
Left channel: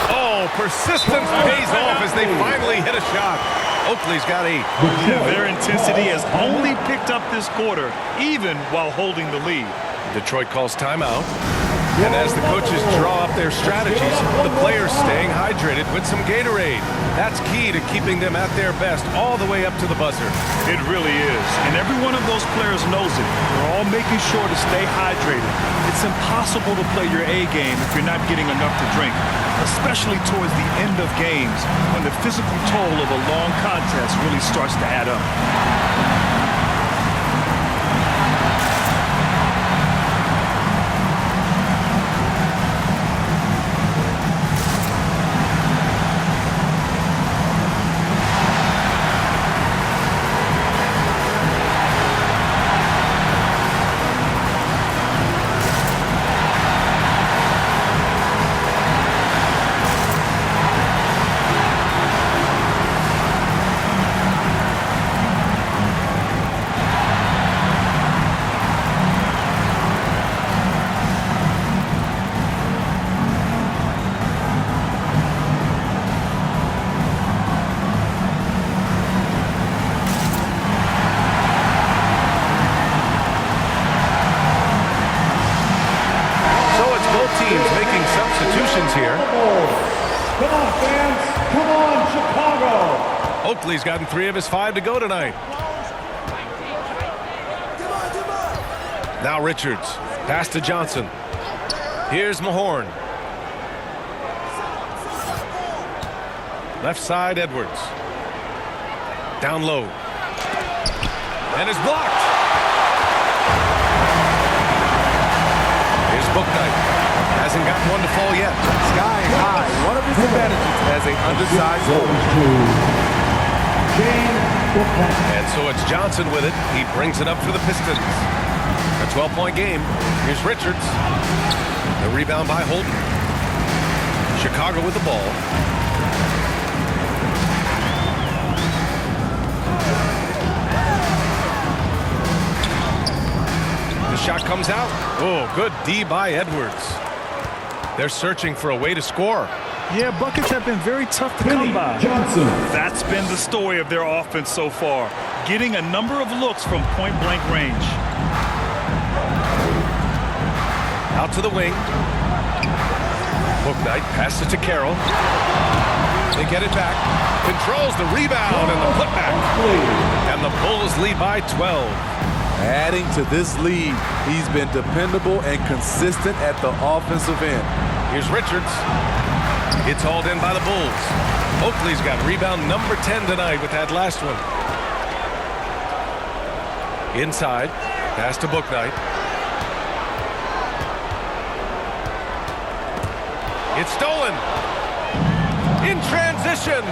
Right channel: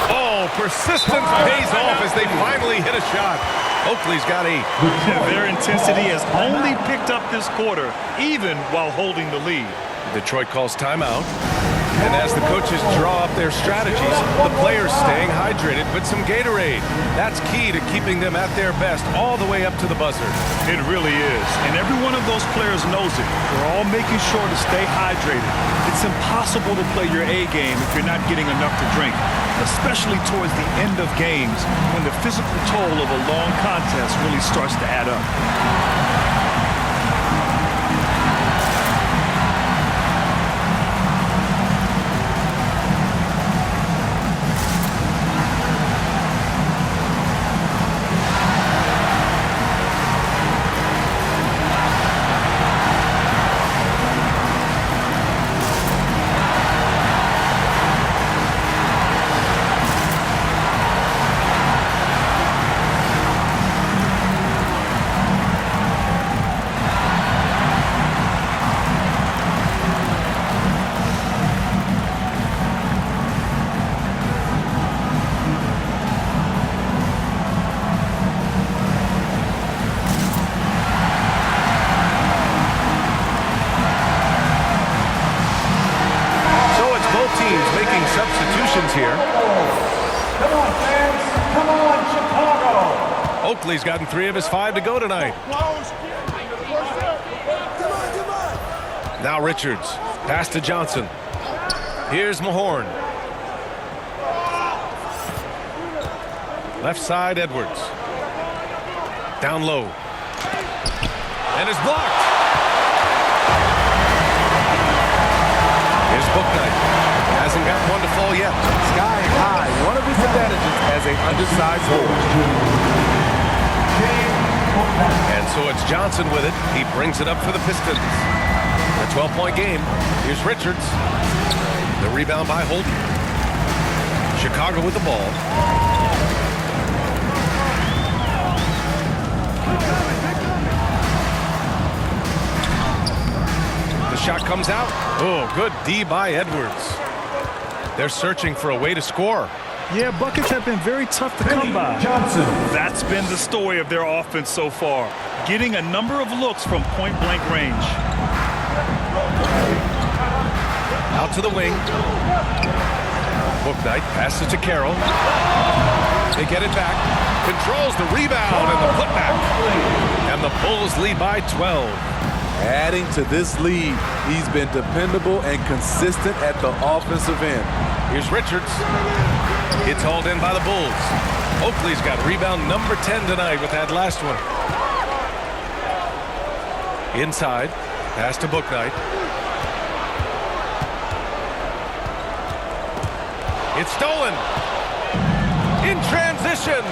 Oh, persistence pays off as they finally hit a shot. Oakley's got 8. Their intensity has only picked up this quarter, even while holding the lead. Detroit calls timeout. And as the coaches draw up their strategies, the players staying hydrated with some Gatorade. That's key to keeping them at their best all the way up to the buzzer. It really is. And every one of those players knows it. They're all making sure to stay hydrated. It's impossible to play your A game if you're not getting enough to drink, especially towards the end of games when the physical toll of a long contest really starts to add up. Teams making substitutions here. Come on, fans. Come on, Chicago. Oakley's gotten 3 of his 5 to go tonight. Now Richards. Pass to Johnson. Here's Mahorn. Left side, Edwards. Down low. And it's blocked. Here's Bouknight. Hasn't got one to fall yet. Sky high. One of his advantages as an undersized forward. And so it's Johnson with it. He brings it up for the Pistons. A 12-point game. Here's Richards. The rebound by Holden. Chicago with the ball. The shot comes out. Oh, good D by Edwards. They're searching for a way to score. Yeah, buckets have been very tough to come by. Johnson. That's been the story of their offense so far. Getting a number of looks from point-blank range. Out to the wing. Bouknight passes to Carroll. They get it back. Controls the rebound and the putback. And the Bulls lead by 12. Adding to this lead, he's been dependable and consistent at the offensive end. Here's Richards. It's hauled in by the Bulls. Oakley's got rebound number 10 tonight with that last one. Inside. Pass to Bouknight. It's stolen. In transition.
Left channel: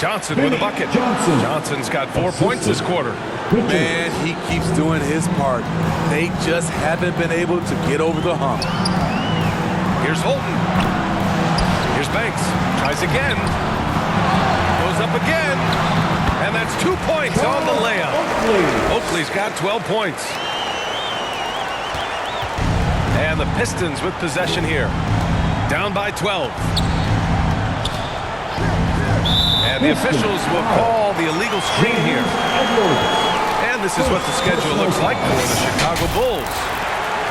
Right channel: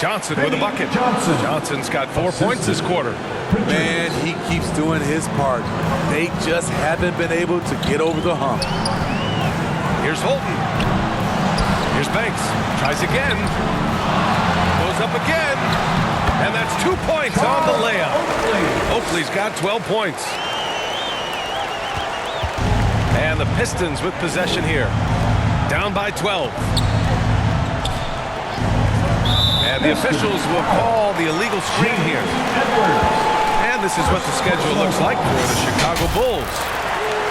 Johnson with a bucket. Johnson's got 4 points this quarter. Man, he keeps doing his part. They just haven't been able to get over the hump. Here's Holden. Here's Banks. Tries again. Goes up again. And that's 2 points on the layup. Oakley's got 12 points. And the Pistons with possession here. Down by 12. And the officials will call the illegal screen here. And this is what the schedule looks like for the Chicago Bulls.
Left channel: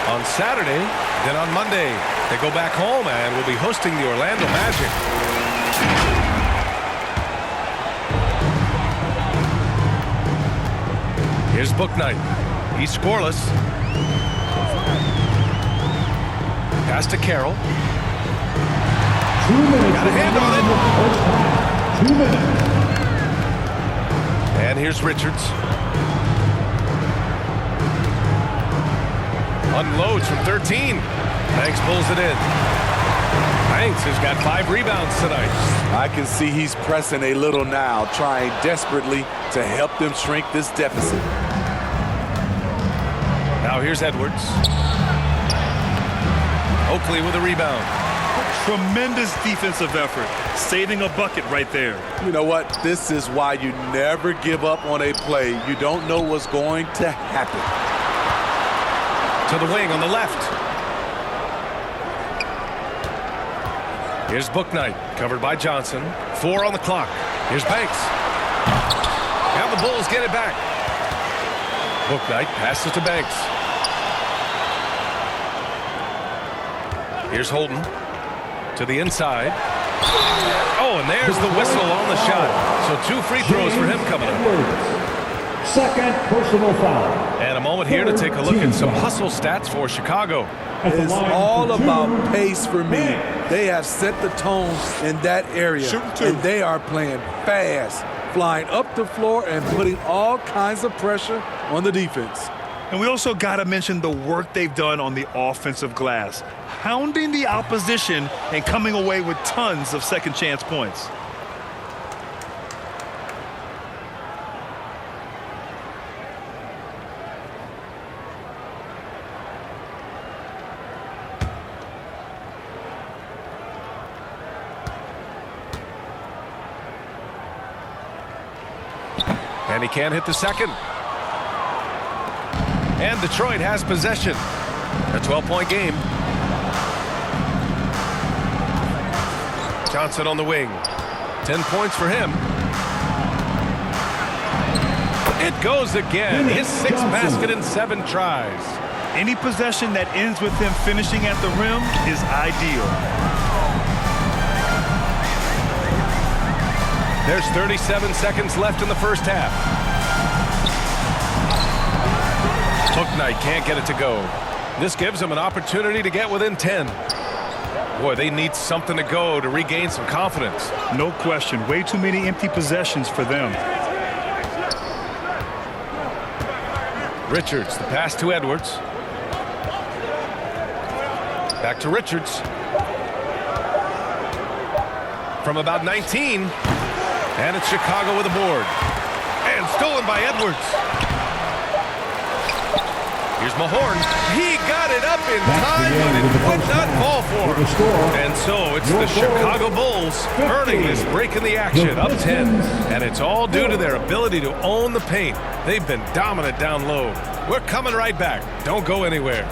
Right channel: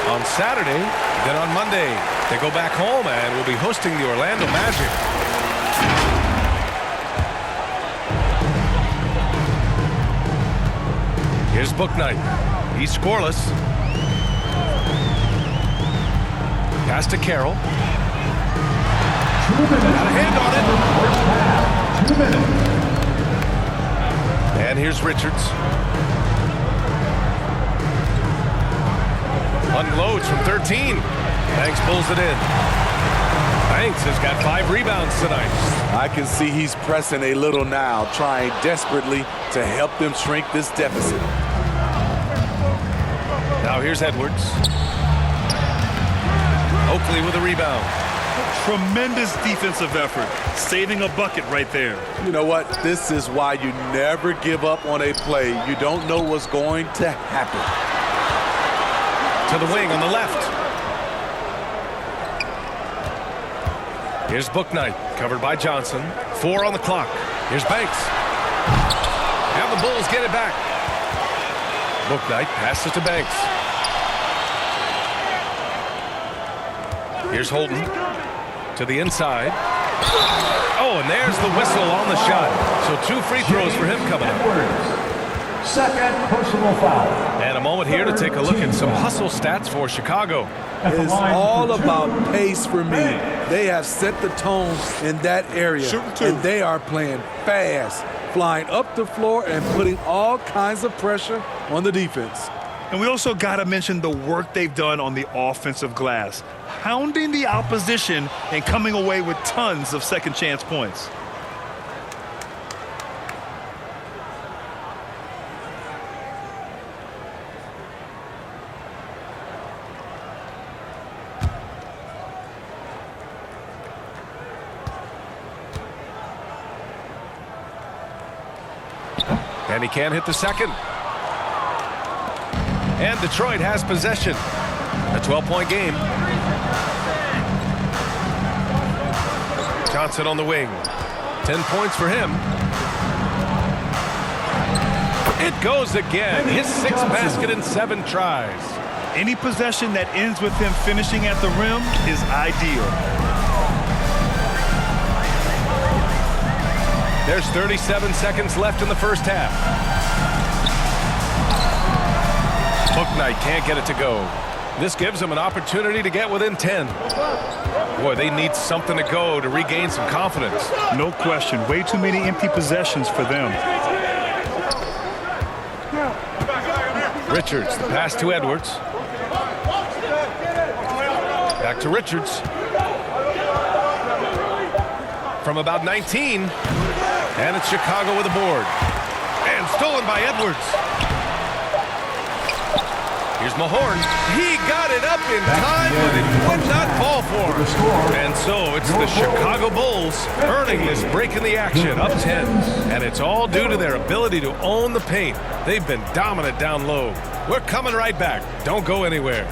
On Saturday, then on Monday, they go back home and will be hosting the Orlando Magic. Here's Bouknight. He's scoreless. Pass to Carroll. 2 minutes. Got a hand on it. First half. 2 minutes. And here's Richards. Unloads from 13. Banks pulls it in. Banks has got 5 rebounds tonight. I can see he's pressing a little now, trying desperately to help them shrink this deficit. Now here's Edwards. Oakley with a rebound. Tremendous defensive effort. Saving a bucket right there. You know what? This is why you never give up on a play. You don't know what's going to happen. To the wing on the left. Here's Bouknight, covered by Johnson. 4 on the clock. Here's Banks. Now the Bulls get it back. Bouknight passes to Banks. Here's Holden. To the inside. Oh, and there's the whistle on the shot. So 2 free throws for him coming up. Second personal foul. And a moment here to take a look at some hustle stats for Chicago. It's all about pace for me. They have set the tone in that area. Shooting 2. And they are playing fast, flying up the floor and putting all kinds of pressure on the defense. And we also got to mention the work they've done on the offensive glass, hounding the opposition and coming away with tons of second chance points. And he can't hit the second. And Detroit has possession. A 12-point game. Johnson on the wing. 10 points for him. It goes again. His 6th basket in 7 tries. Any possession that ends with him finishing at the rim is ideal. There's 37 seconds left in the first half. Knight can't get it to go. This gives them an opportunity to get within 10. Boy, they need something to go to regain some confidence. No question. Way too many empty possessions for them. Richards, the pass to Edwards. Back to Richards. From about 19. And it's Chicago with a board. And stolen by Edwards. Here's Mahorn. He got it up in time, but it would not fall for him. And so it's the Chicago Bulls earning this break in the action, up 10. And it's all due to their ability to own the paint. They've been dominant down low. We're coming right back. Don't go anywhere.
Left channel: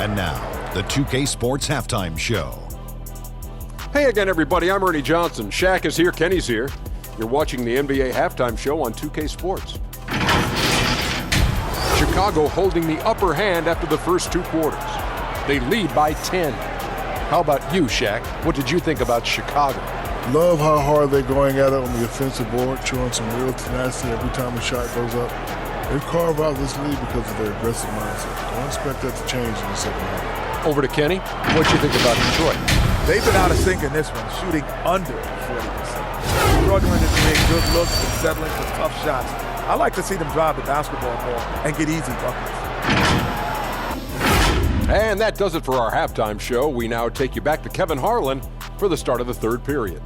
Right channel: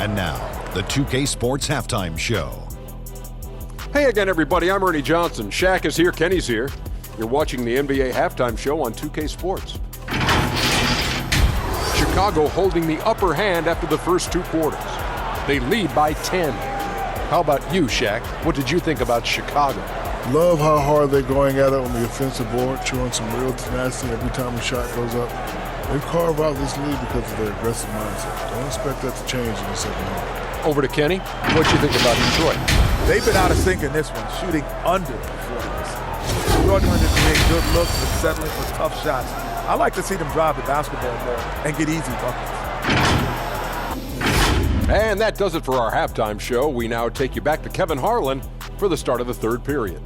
And now, the 2K Sports Halftime Show. Hey again, everybody. I'm Ernie Johnson. Shaq is here. Kenny's here. You're watching the NBA Halftime Show on 2K Sports. Chicago holding the upper hand after the first two quarters. They lead by 10. How about you, Shaq? What did you think about Chicago? Love how hard they're going at it on the offensive board, showing some real tenacity every time a shot goes up. They've carved out this lead because of their aggressive mindset. Don't expect that to change in the second half. Over to Kenny. What you think about Detroit? They've been out of sync in this one, shooting under 40%. Struggling to create good looks and settling for tough shots. I like to see them drive the basketball more and get easy buckets. And that does it for our halftime show. We now take you back to Kevin Harlan for the start of the third period.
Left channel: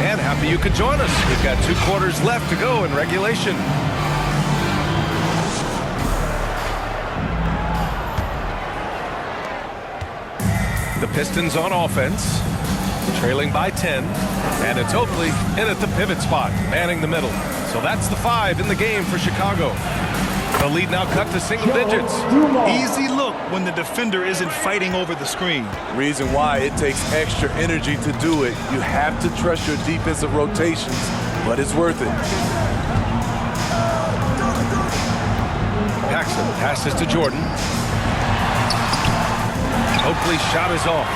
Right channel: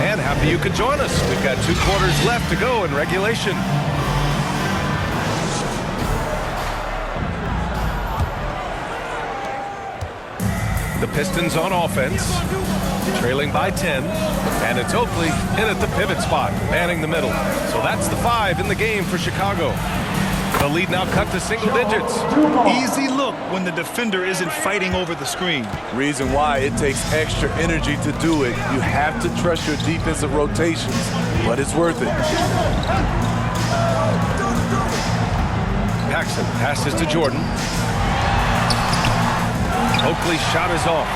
And happy you could join us. We've got 2 quarters left to go in regulation. The Pistons on offense, trailing by 10, and it's Oakley in at the pivot spot, manning the middle. So that's the 5 in the game for Chicago. The lead now cut to single digits. Easy look when the defender isn't fighting over the screen. Reason why it takes extra energy to do it. You have to trust your defensive rotations, but it's worth it. Paxson passes to Jordan. Oakley's shot is off.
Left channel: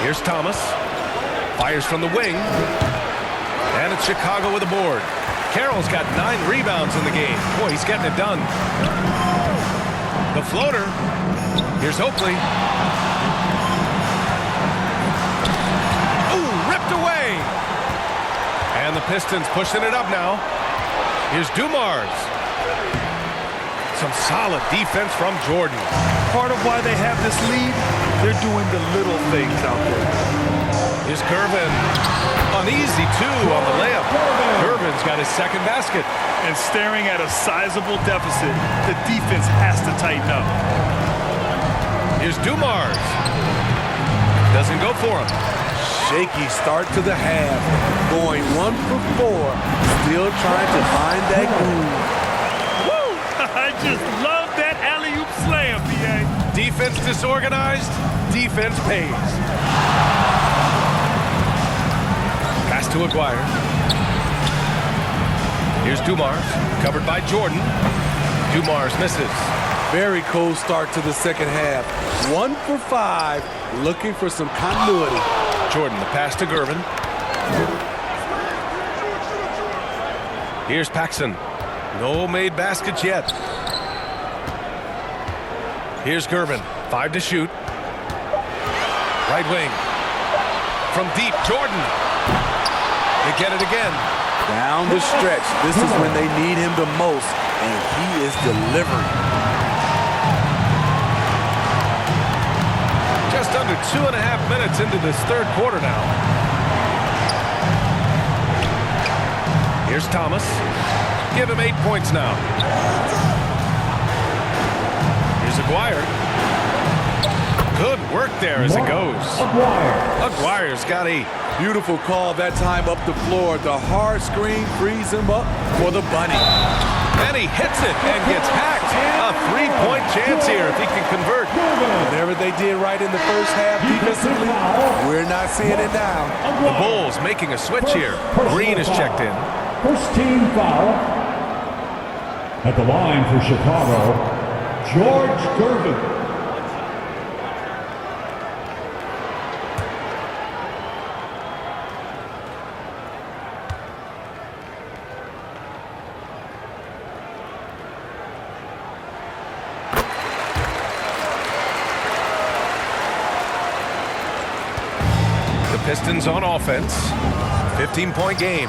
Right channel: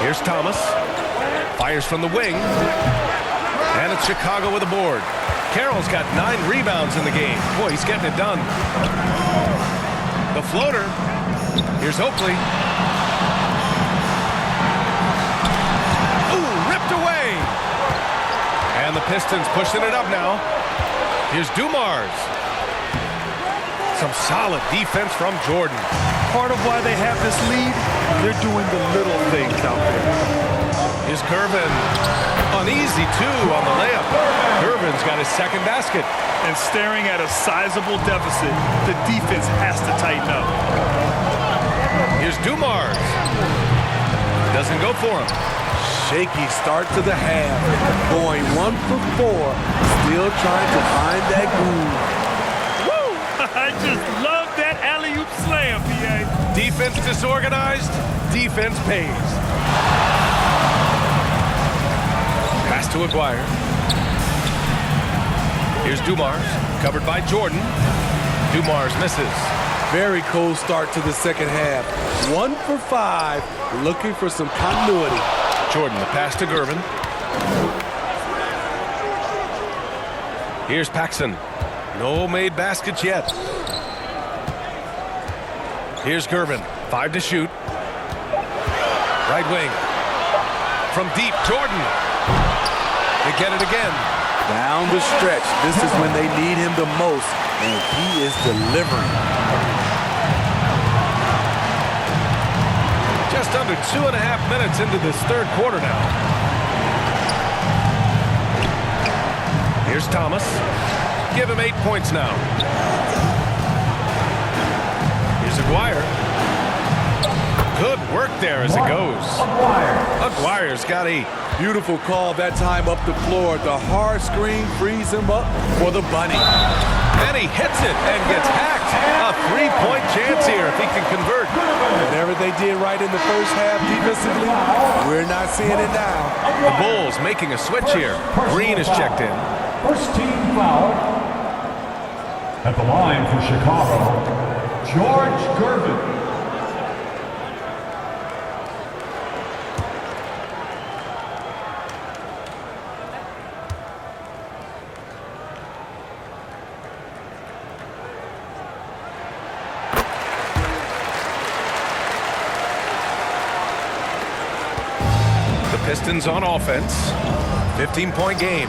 Here's Thomas. Fires from the wing. And it's Chicago with a board. Carroll's got 9 rebounds in the game. Boy, he's getting it done. The floater. Here's Oakley. Ooh, ripped away. And the Pistons pushing it up now. Here's Dumars. Some solid defense from Jordan. Part of why they have this lead, they're doing the little things out there. Here's Gervin. Uneasy, too, on the layup. Gervin's got his second basket. And staring at a sizable deficit, the defense has to tighten up. Here's Dumars. Doesn't go for him. Shaky start to the half. Going 1 for 4. Still trying to find that groove. Woo! I just love that alley-oop slam, PA. Defense disorganized. Defense pays. Pass to Aguirre. Here's Dumars, covered by Jordan. Dumars misses. Very cold start to the second half. 1 for 5, looking for some continuity. Jordan, the pass to Gervin. Here's Paxson. No made baskets yet. Here's Gervin, 5 to shoot. Right wing. From deep, Jordan. They get it again. Down the stretch. This is when they need him the most, and he is delivering. Just under 2.5 minutes into this third quarter now. Here's Thomas. Give him 8 points now. Here's Aguirre. Good work there as it goes. Aguirre's got 8. Beautiful call that time up the floor. The hard screen frees him up for the bunny. And he hits it and gets hacked. A three-point chance here if he can convert. Whatever they did right in the first half defensively, we're not seeing it now. The Bulls making a switch here. Green is checked in. First team foul. At the line for Chicago, George Gervin. Pistons on offense. 15-point game.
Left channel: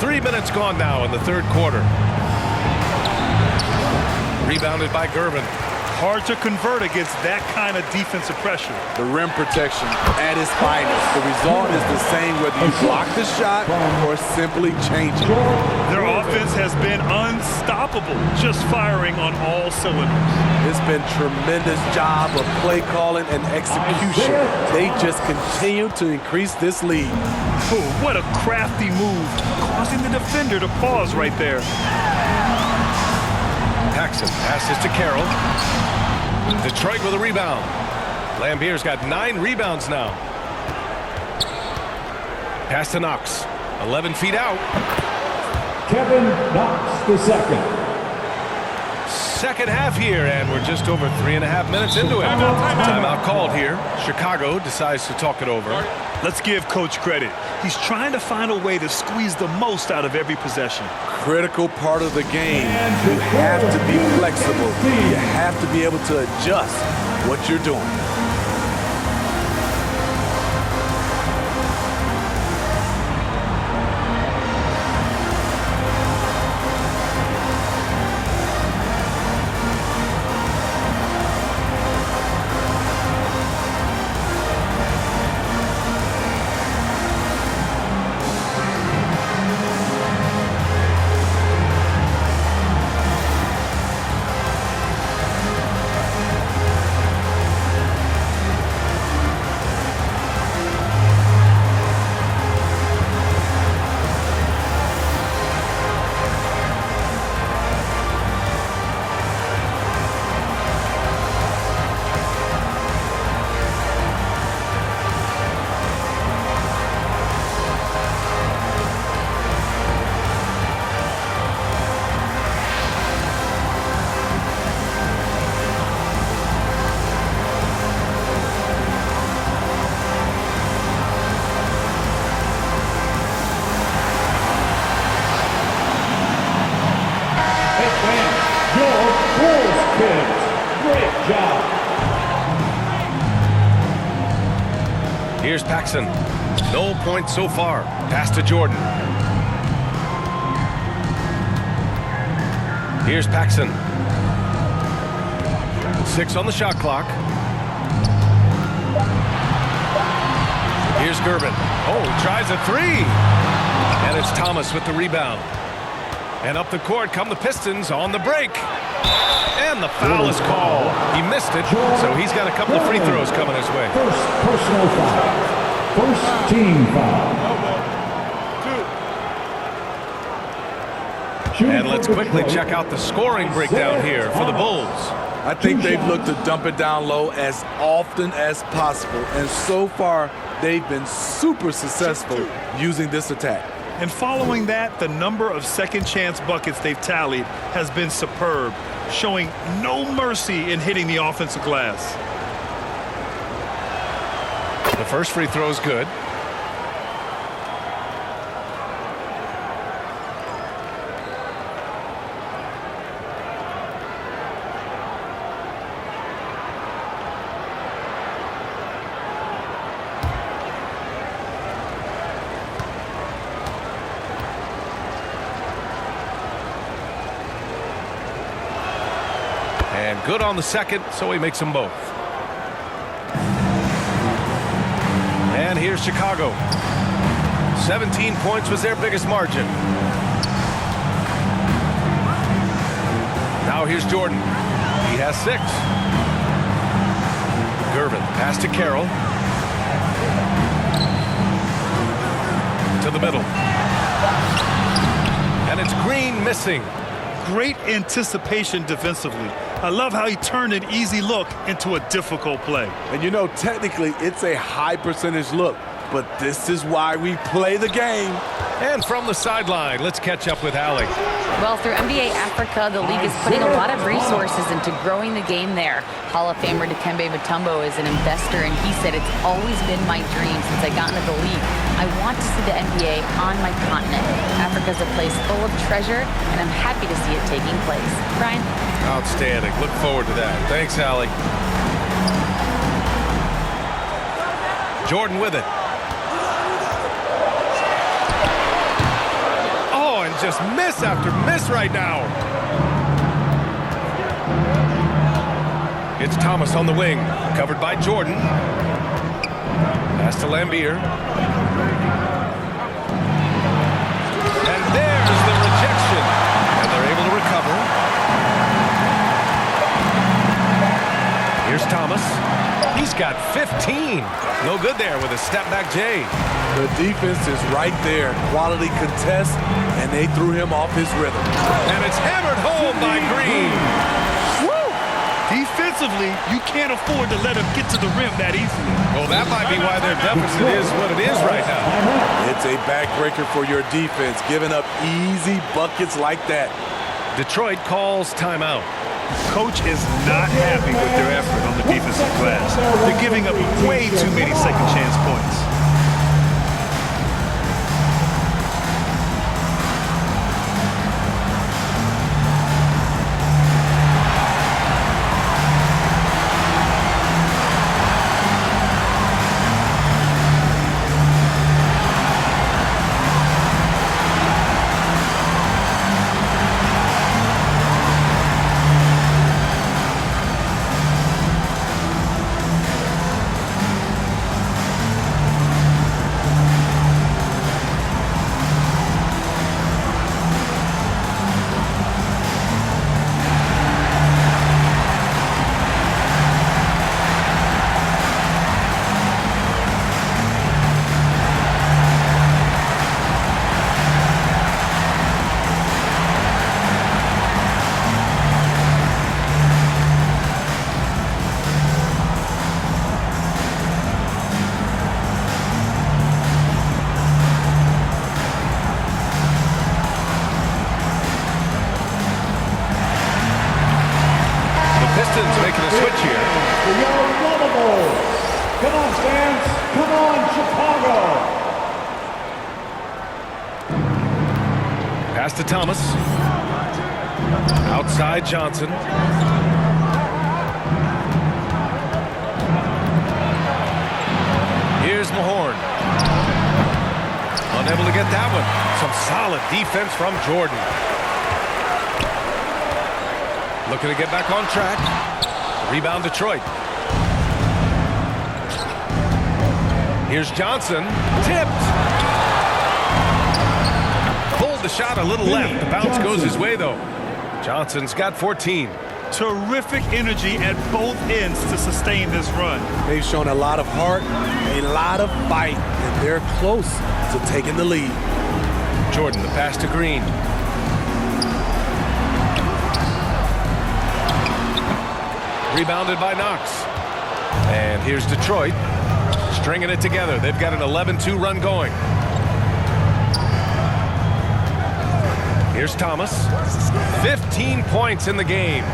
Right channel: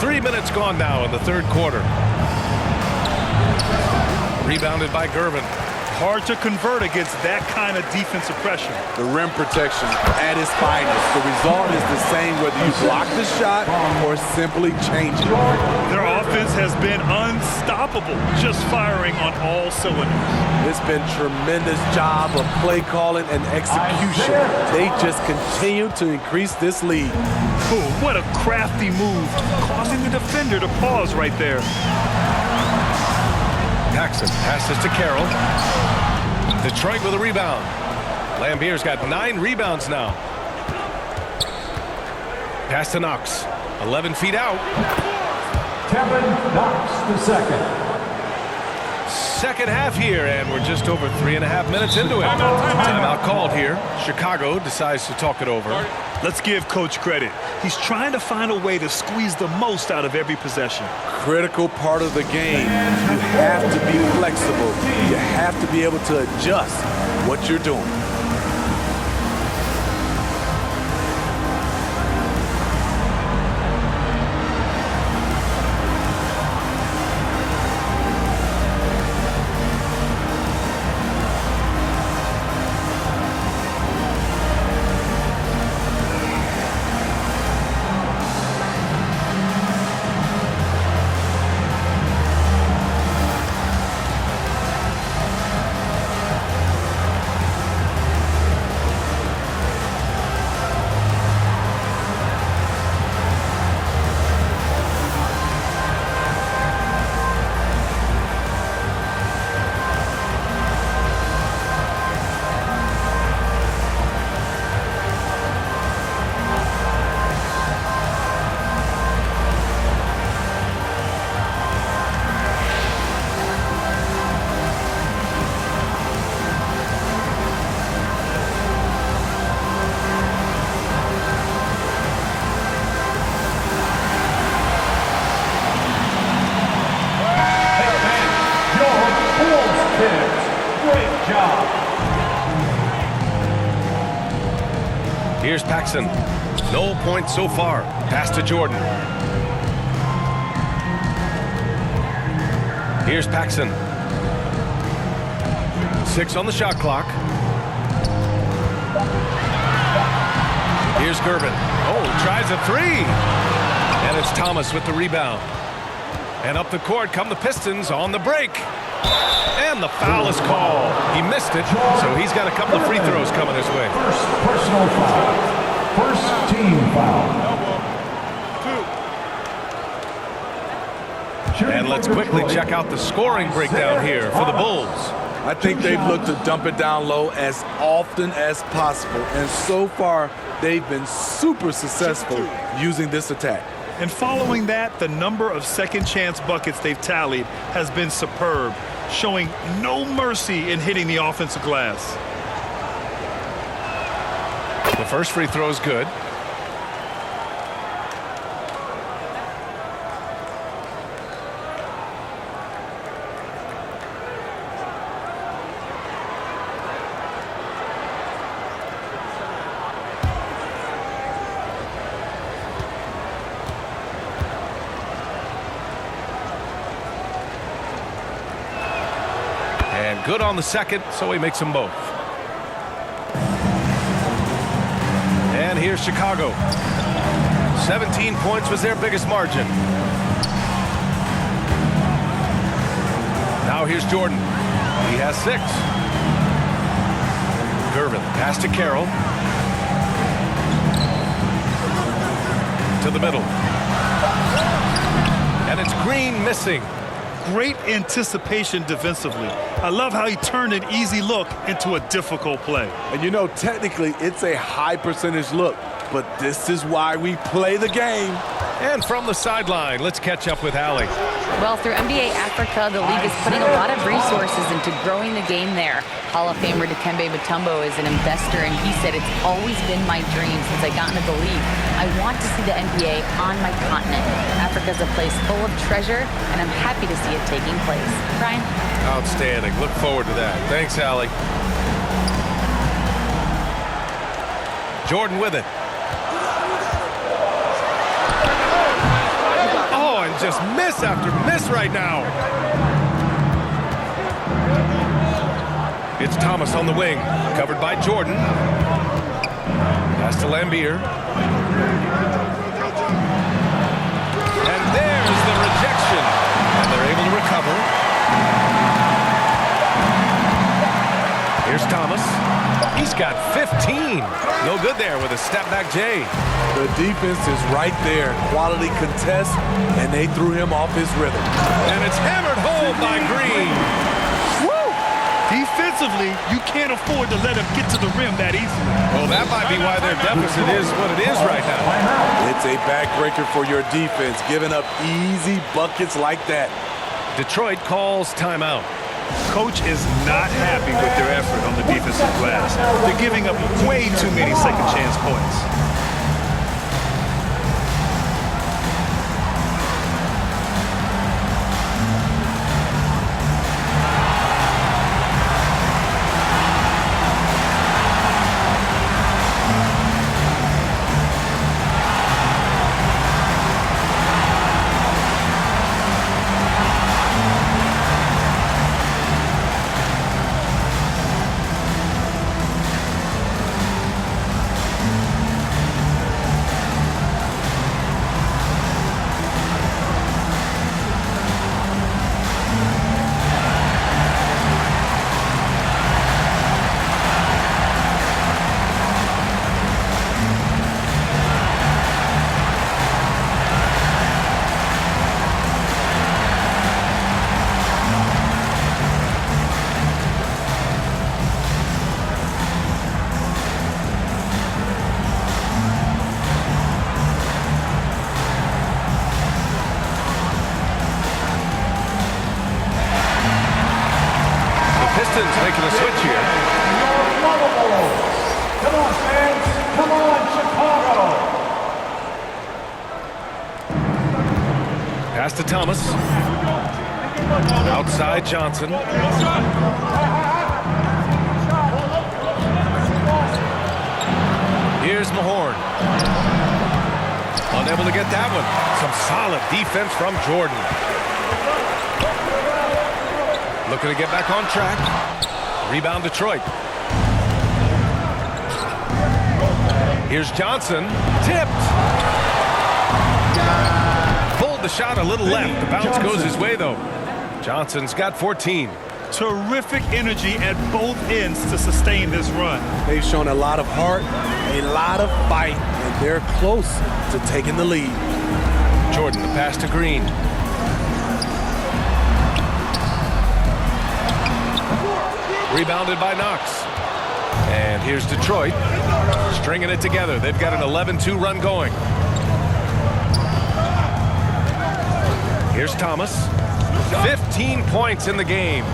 3 minutes gone now in the third quarter. Rebounded by Gervin. Hard to convert against that kind of defensive pressure. The rim protection at its finest. The result is the same whether you block the shot or simply change it. Their offense has been unstoppable, just firing on all cylinders. It's been tremendous job of play calling and execution. They just continue to increase this lead. Ooh, what a crafty move, causing the defender to pause right there. Paxson passes to Carroll. Detroit with a rebound. Lambier's got 9 rebounds now. Pass to Knox. 11 feet out. Kevin Knox the second. Second half here, and we're just over 3.5 minutes into it. Timeout called here. Chicago decides to talk it over. Let's give Coach credit. He's trying to find a way to squeeze the most out of every possession. Critical part of the game. You have to be flexible. You have to be able to adjust what you're doing. Great job. Here's Paxson. No points so far. Pass to Jordan. Here's Paxson. 6 on the shot clock. Here's Gervin. Oh, he tries a 3. And it's Thomas with the rebound. And up the court come the Pistons on the break. And the foul is called. He missed it, so he's got a couple of free throws coming his way. First personal foul. First team foul. And let's quickly check out the scoring breakdown here for the Bulls. I think they've looked to dump it down low as often as possible. And so far, they've been super successful using this attack. And following that, the number of second chance buckets they've tallied has been superb, showing no mercy in hitting the offensive glass. The first free throw is good. And good on the second, so he makes them both. And here's Chicago. 17 points was their biggest margin. Now here's Jordan. He has 6. Gervin, pass to Carroll. To the middle. And it's Green missing. Great anticipation defensively. I love how he turned an easy look into a difficult play. And you know, technically, it's a high percentage look, but this is why we play the game. And from the sideline, let's catch up with Allie. Well, through NBA Africa, the league is putting a lot of resources into growing the game there. Hall of Famer Dikembe Mutombo is an investor, and he said, "It's always been my dream since I got into the league. I want to see the NBA on my continent. Africa's a place full of treasure, and I'm happy to see it taking place." Brian? Outstanding. Look forward to that. Thanks, Allie. Jordan with it. Oh, and just miss after miss right now. It's Thomas on the wing, covered by Jordan. Pass to Lambier. And there's the rejection. And they're able to recover. Here's Thomas. He's got 15. No good there with a step-back J. The defense is right there. Quality contest, and they threw him off his rhythm. And it's hammered home by Green. Woo! Defensively, you can't afford to let him get to the rim that easily. Well, that might be why their deficit is what it is right now. It's a backbreaker for your defense, giving up easy buckets like that. Detroit calls timeout. Coach is not happy with their effort on the defensive glass. They're giving up way too many second chance points. Pistons making a switch here. Your Lavables. Come on, fans. Come on, Chicago. Pass to Thomas. Outside Johnson. Here's Mahorn. Unable to get that one. Some solid defense from Jordan. Looking to get back on track. Rebound Detroit. Here's Johnson. Tipped. Pulled the shot a little left. The bounce goes his way, though. Johnson's got 14. Terrific energy at both ends to sustain this run. They've shown a lot of heart, a lot of fight, and they're close to taking the lead. Jordan, the pass to Green. Rebounded by Knox. And here's Detroit, stringing it together. They've got an 11-2 run going. Here's Thomas. 15 points in the game.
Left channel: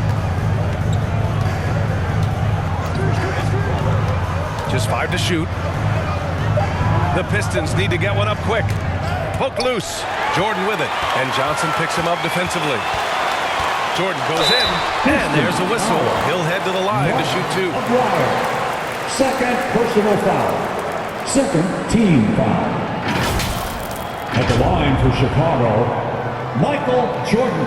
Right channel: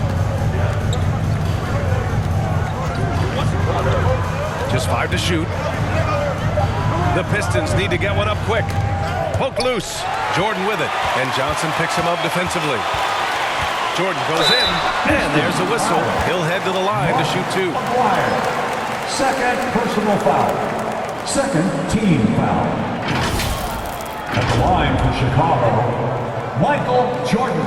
Just 5 to shoot. The Pistons need to get one up quick. Poke loose. Jordan with it. And Johnson picks him up defensively. Jordan goes in, and there's a whistle. He'll head to the line to shoot 2. Second personal foul. Second team foul. At the line for Chicago, Michael Jordan.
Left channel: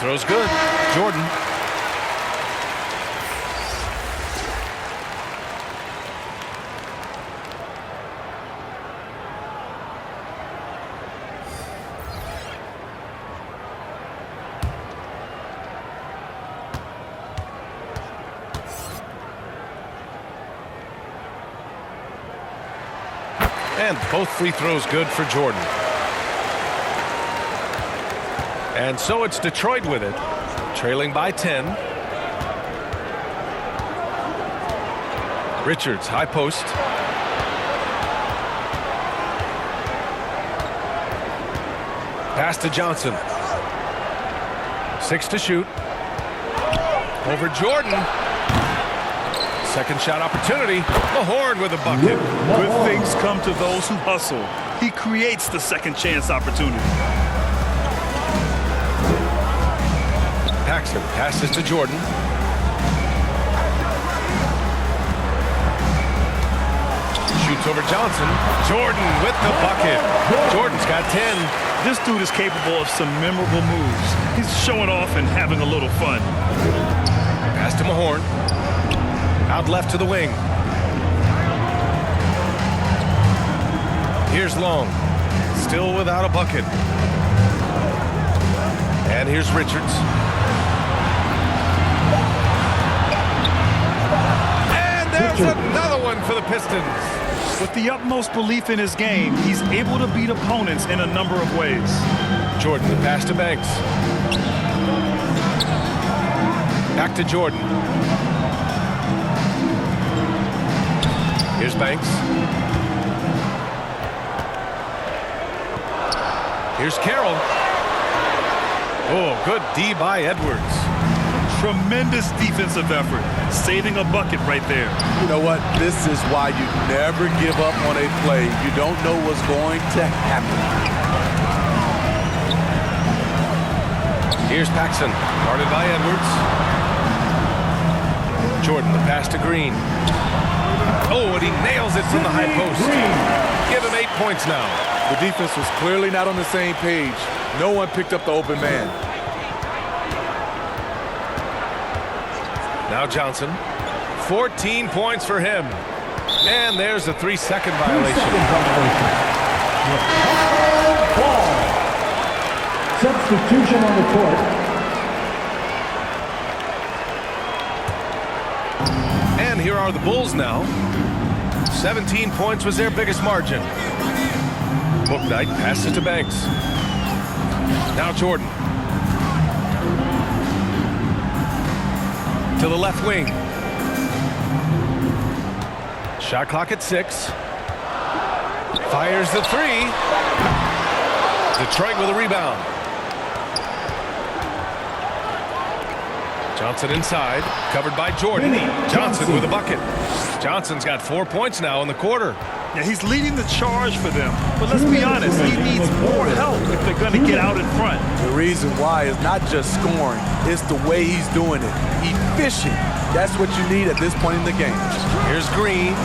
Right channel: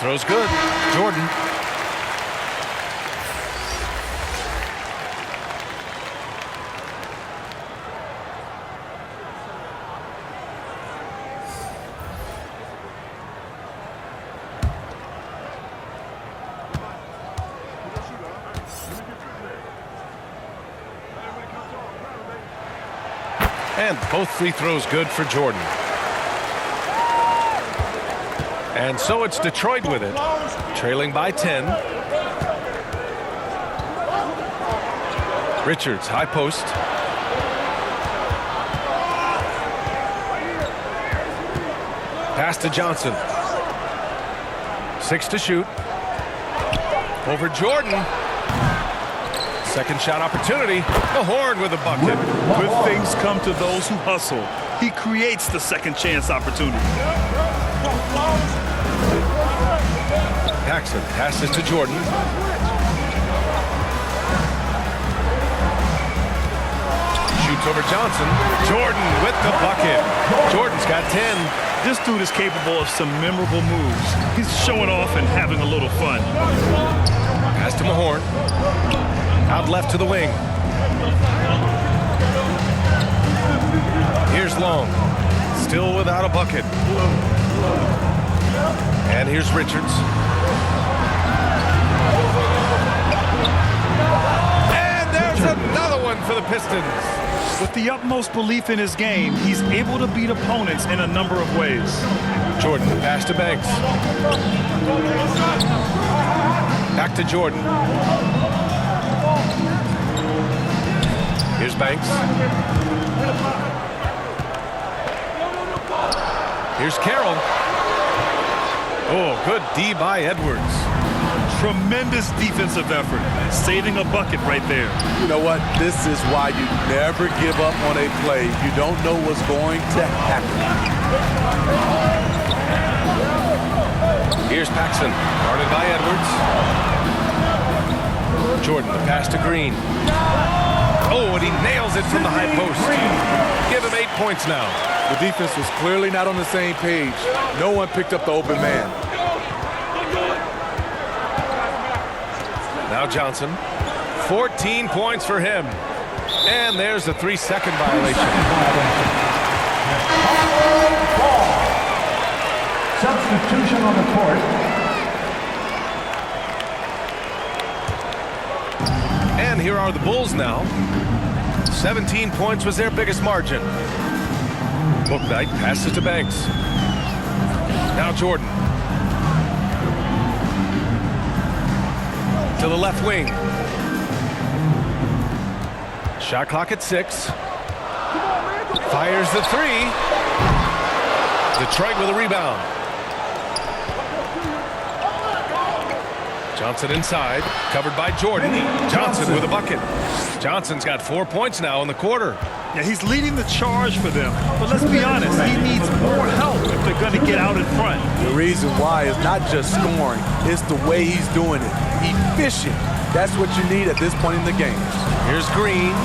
throw's good. Jordan. And both free throws good for Jordan. And so it's Detroit with it, trailing by 10. Richards, high post. Pass to Johnson. 6 to shoot. Over Jordan. Second shot opportunity. Mahorn with a bucket. Good things come to those who hustle. He creates the second chance opportunity. Paxson passes to Jordan. Shoots over Johnson. Jordan with the bucket. Jordan's got 10. This dude is capable of some memorable moves. He's showing off and having a little fun. Pass to Mahorn. Out left to the wing. Here's Long. Still without a bucket. And here's Richards. And there's another one for the Pistons. With the utmost belief in his game, he's able to beat opponents in a number of ways. Jordan, the pass to Banks. Back to Jordan. Here's Banks. Here's Carroll. Oh, good D by Edwards. Tremendous defensive effort, saving a bucket right there. You know what? This is why you never give up on a play. You don't know what's going to happen. Here's Paxson, guarded by Edwards. Jordan, the pass to Green. Oh, and he nails it from the high post. Give him 8 points now. The defense was clearly not on the same page. No one picked up the open man. Now Johnson. 14 points for him. And there's a 3-second violation. Ball. Substitution on the court. And here are the Bulls now. 17 points was their biggest margin. Bouknight passes to Banks. Now Jordan. To the left wing. Shot clock at 6. Fires the 3. Detroit with a rebound. Johnson inside, covered by Jordan. Johnson with a bucket. Johnson's got 4 points now in the quarter. Yeah, he's leading the charge for them. But let's be honest, he needs more help if they're going to get out in front. The reason why is not just scoring, it's the way he's doing it. Efficient. That's what you need at this point in the game. Here's Green.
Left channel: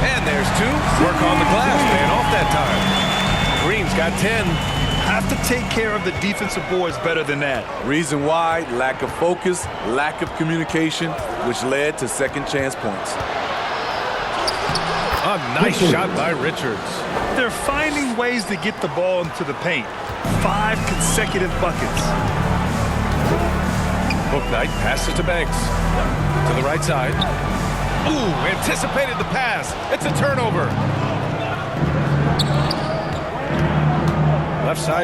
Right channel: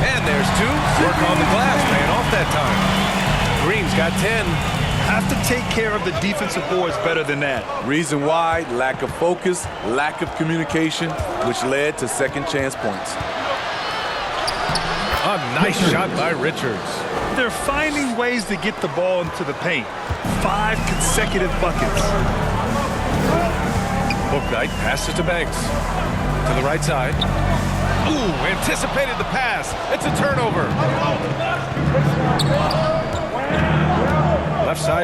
And there's 2. Work on the glass, paying off that time. Green's got 10. Have to take care of the defensive boards better than that. Reason why, lack of focus, lack of communication, which led to second chance points. A nice shot by Richards. They're finding ways to get the ball into the paint. 5 consecutive buckets. Bouknight passes to Banks. To the right side. Ooh, anticipated the pass. It's a turnover. Left side.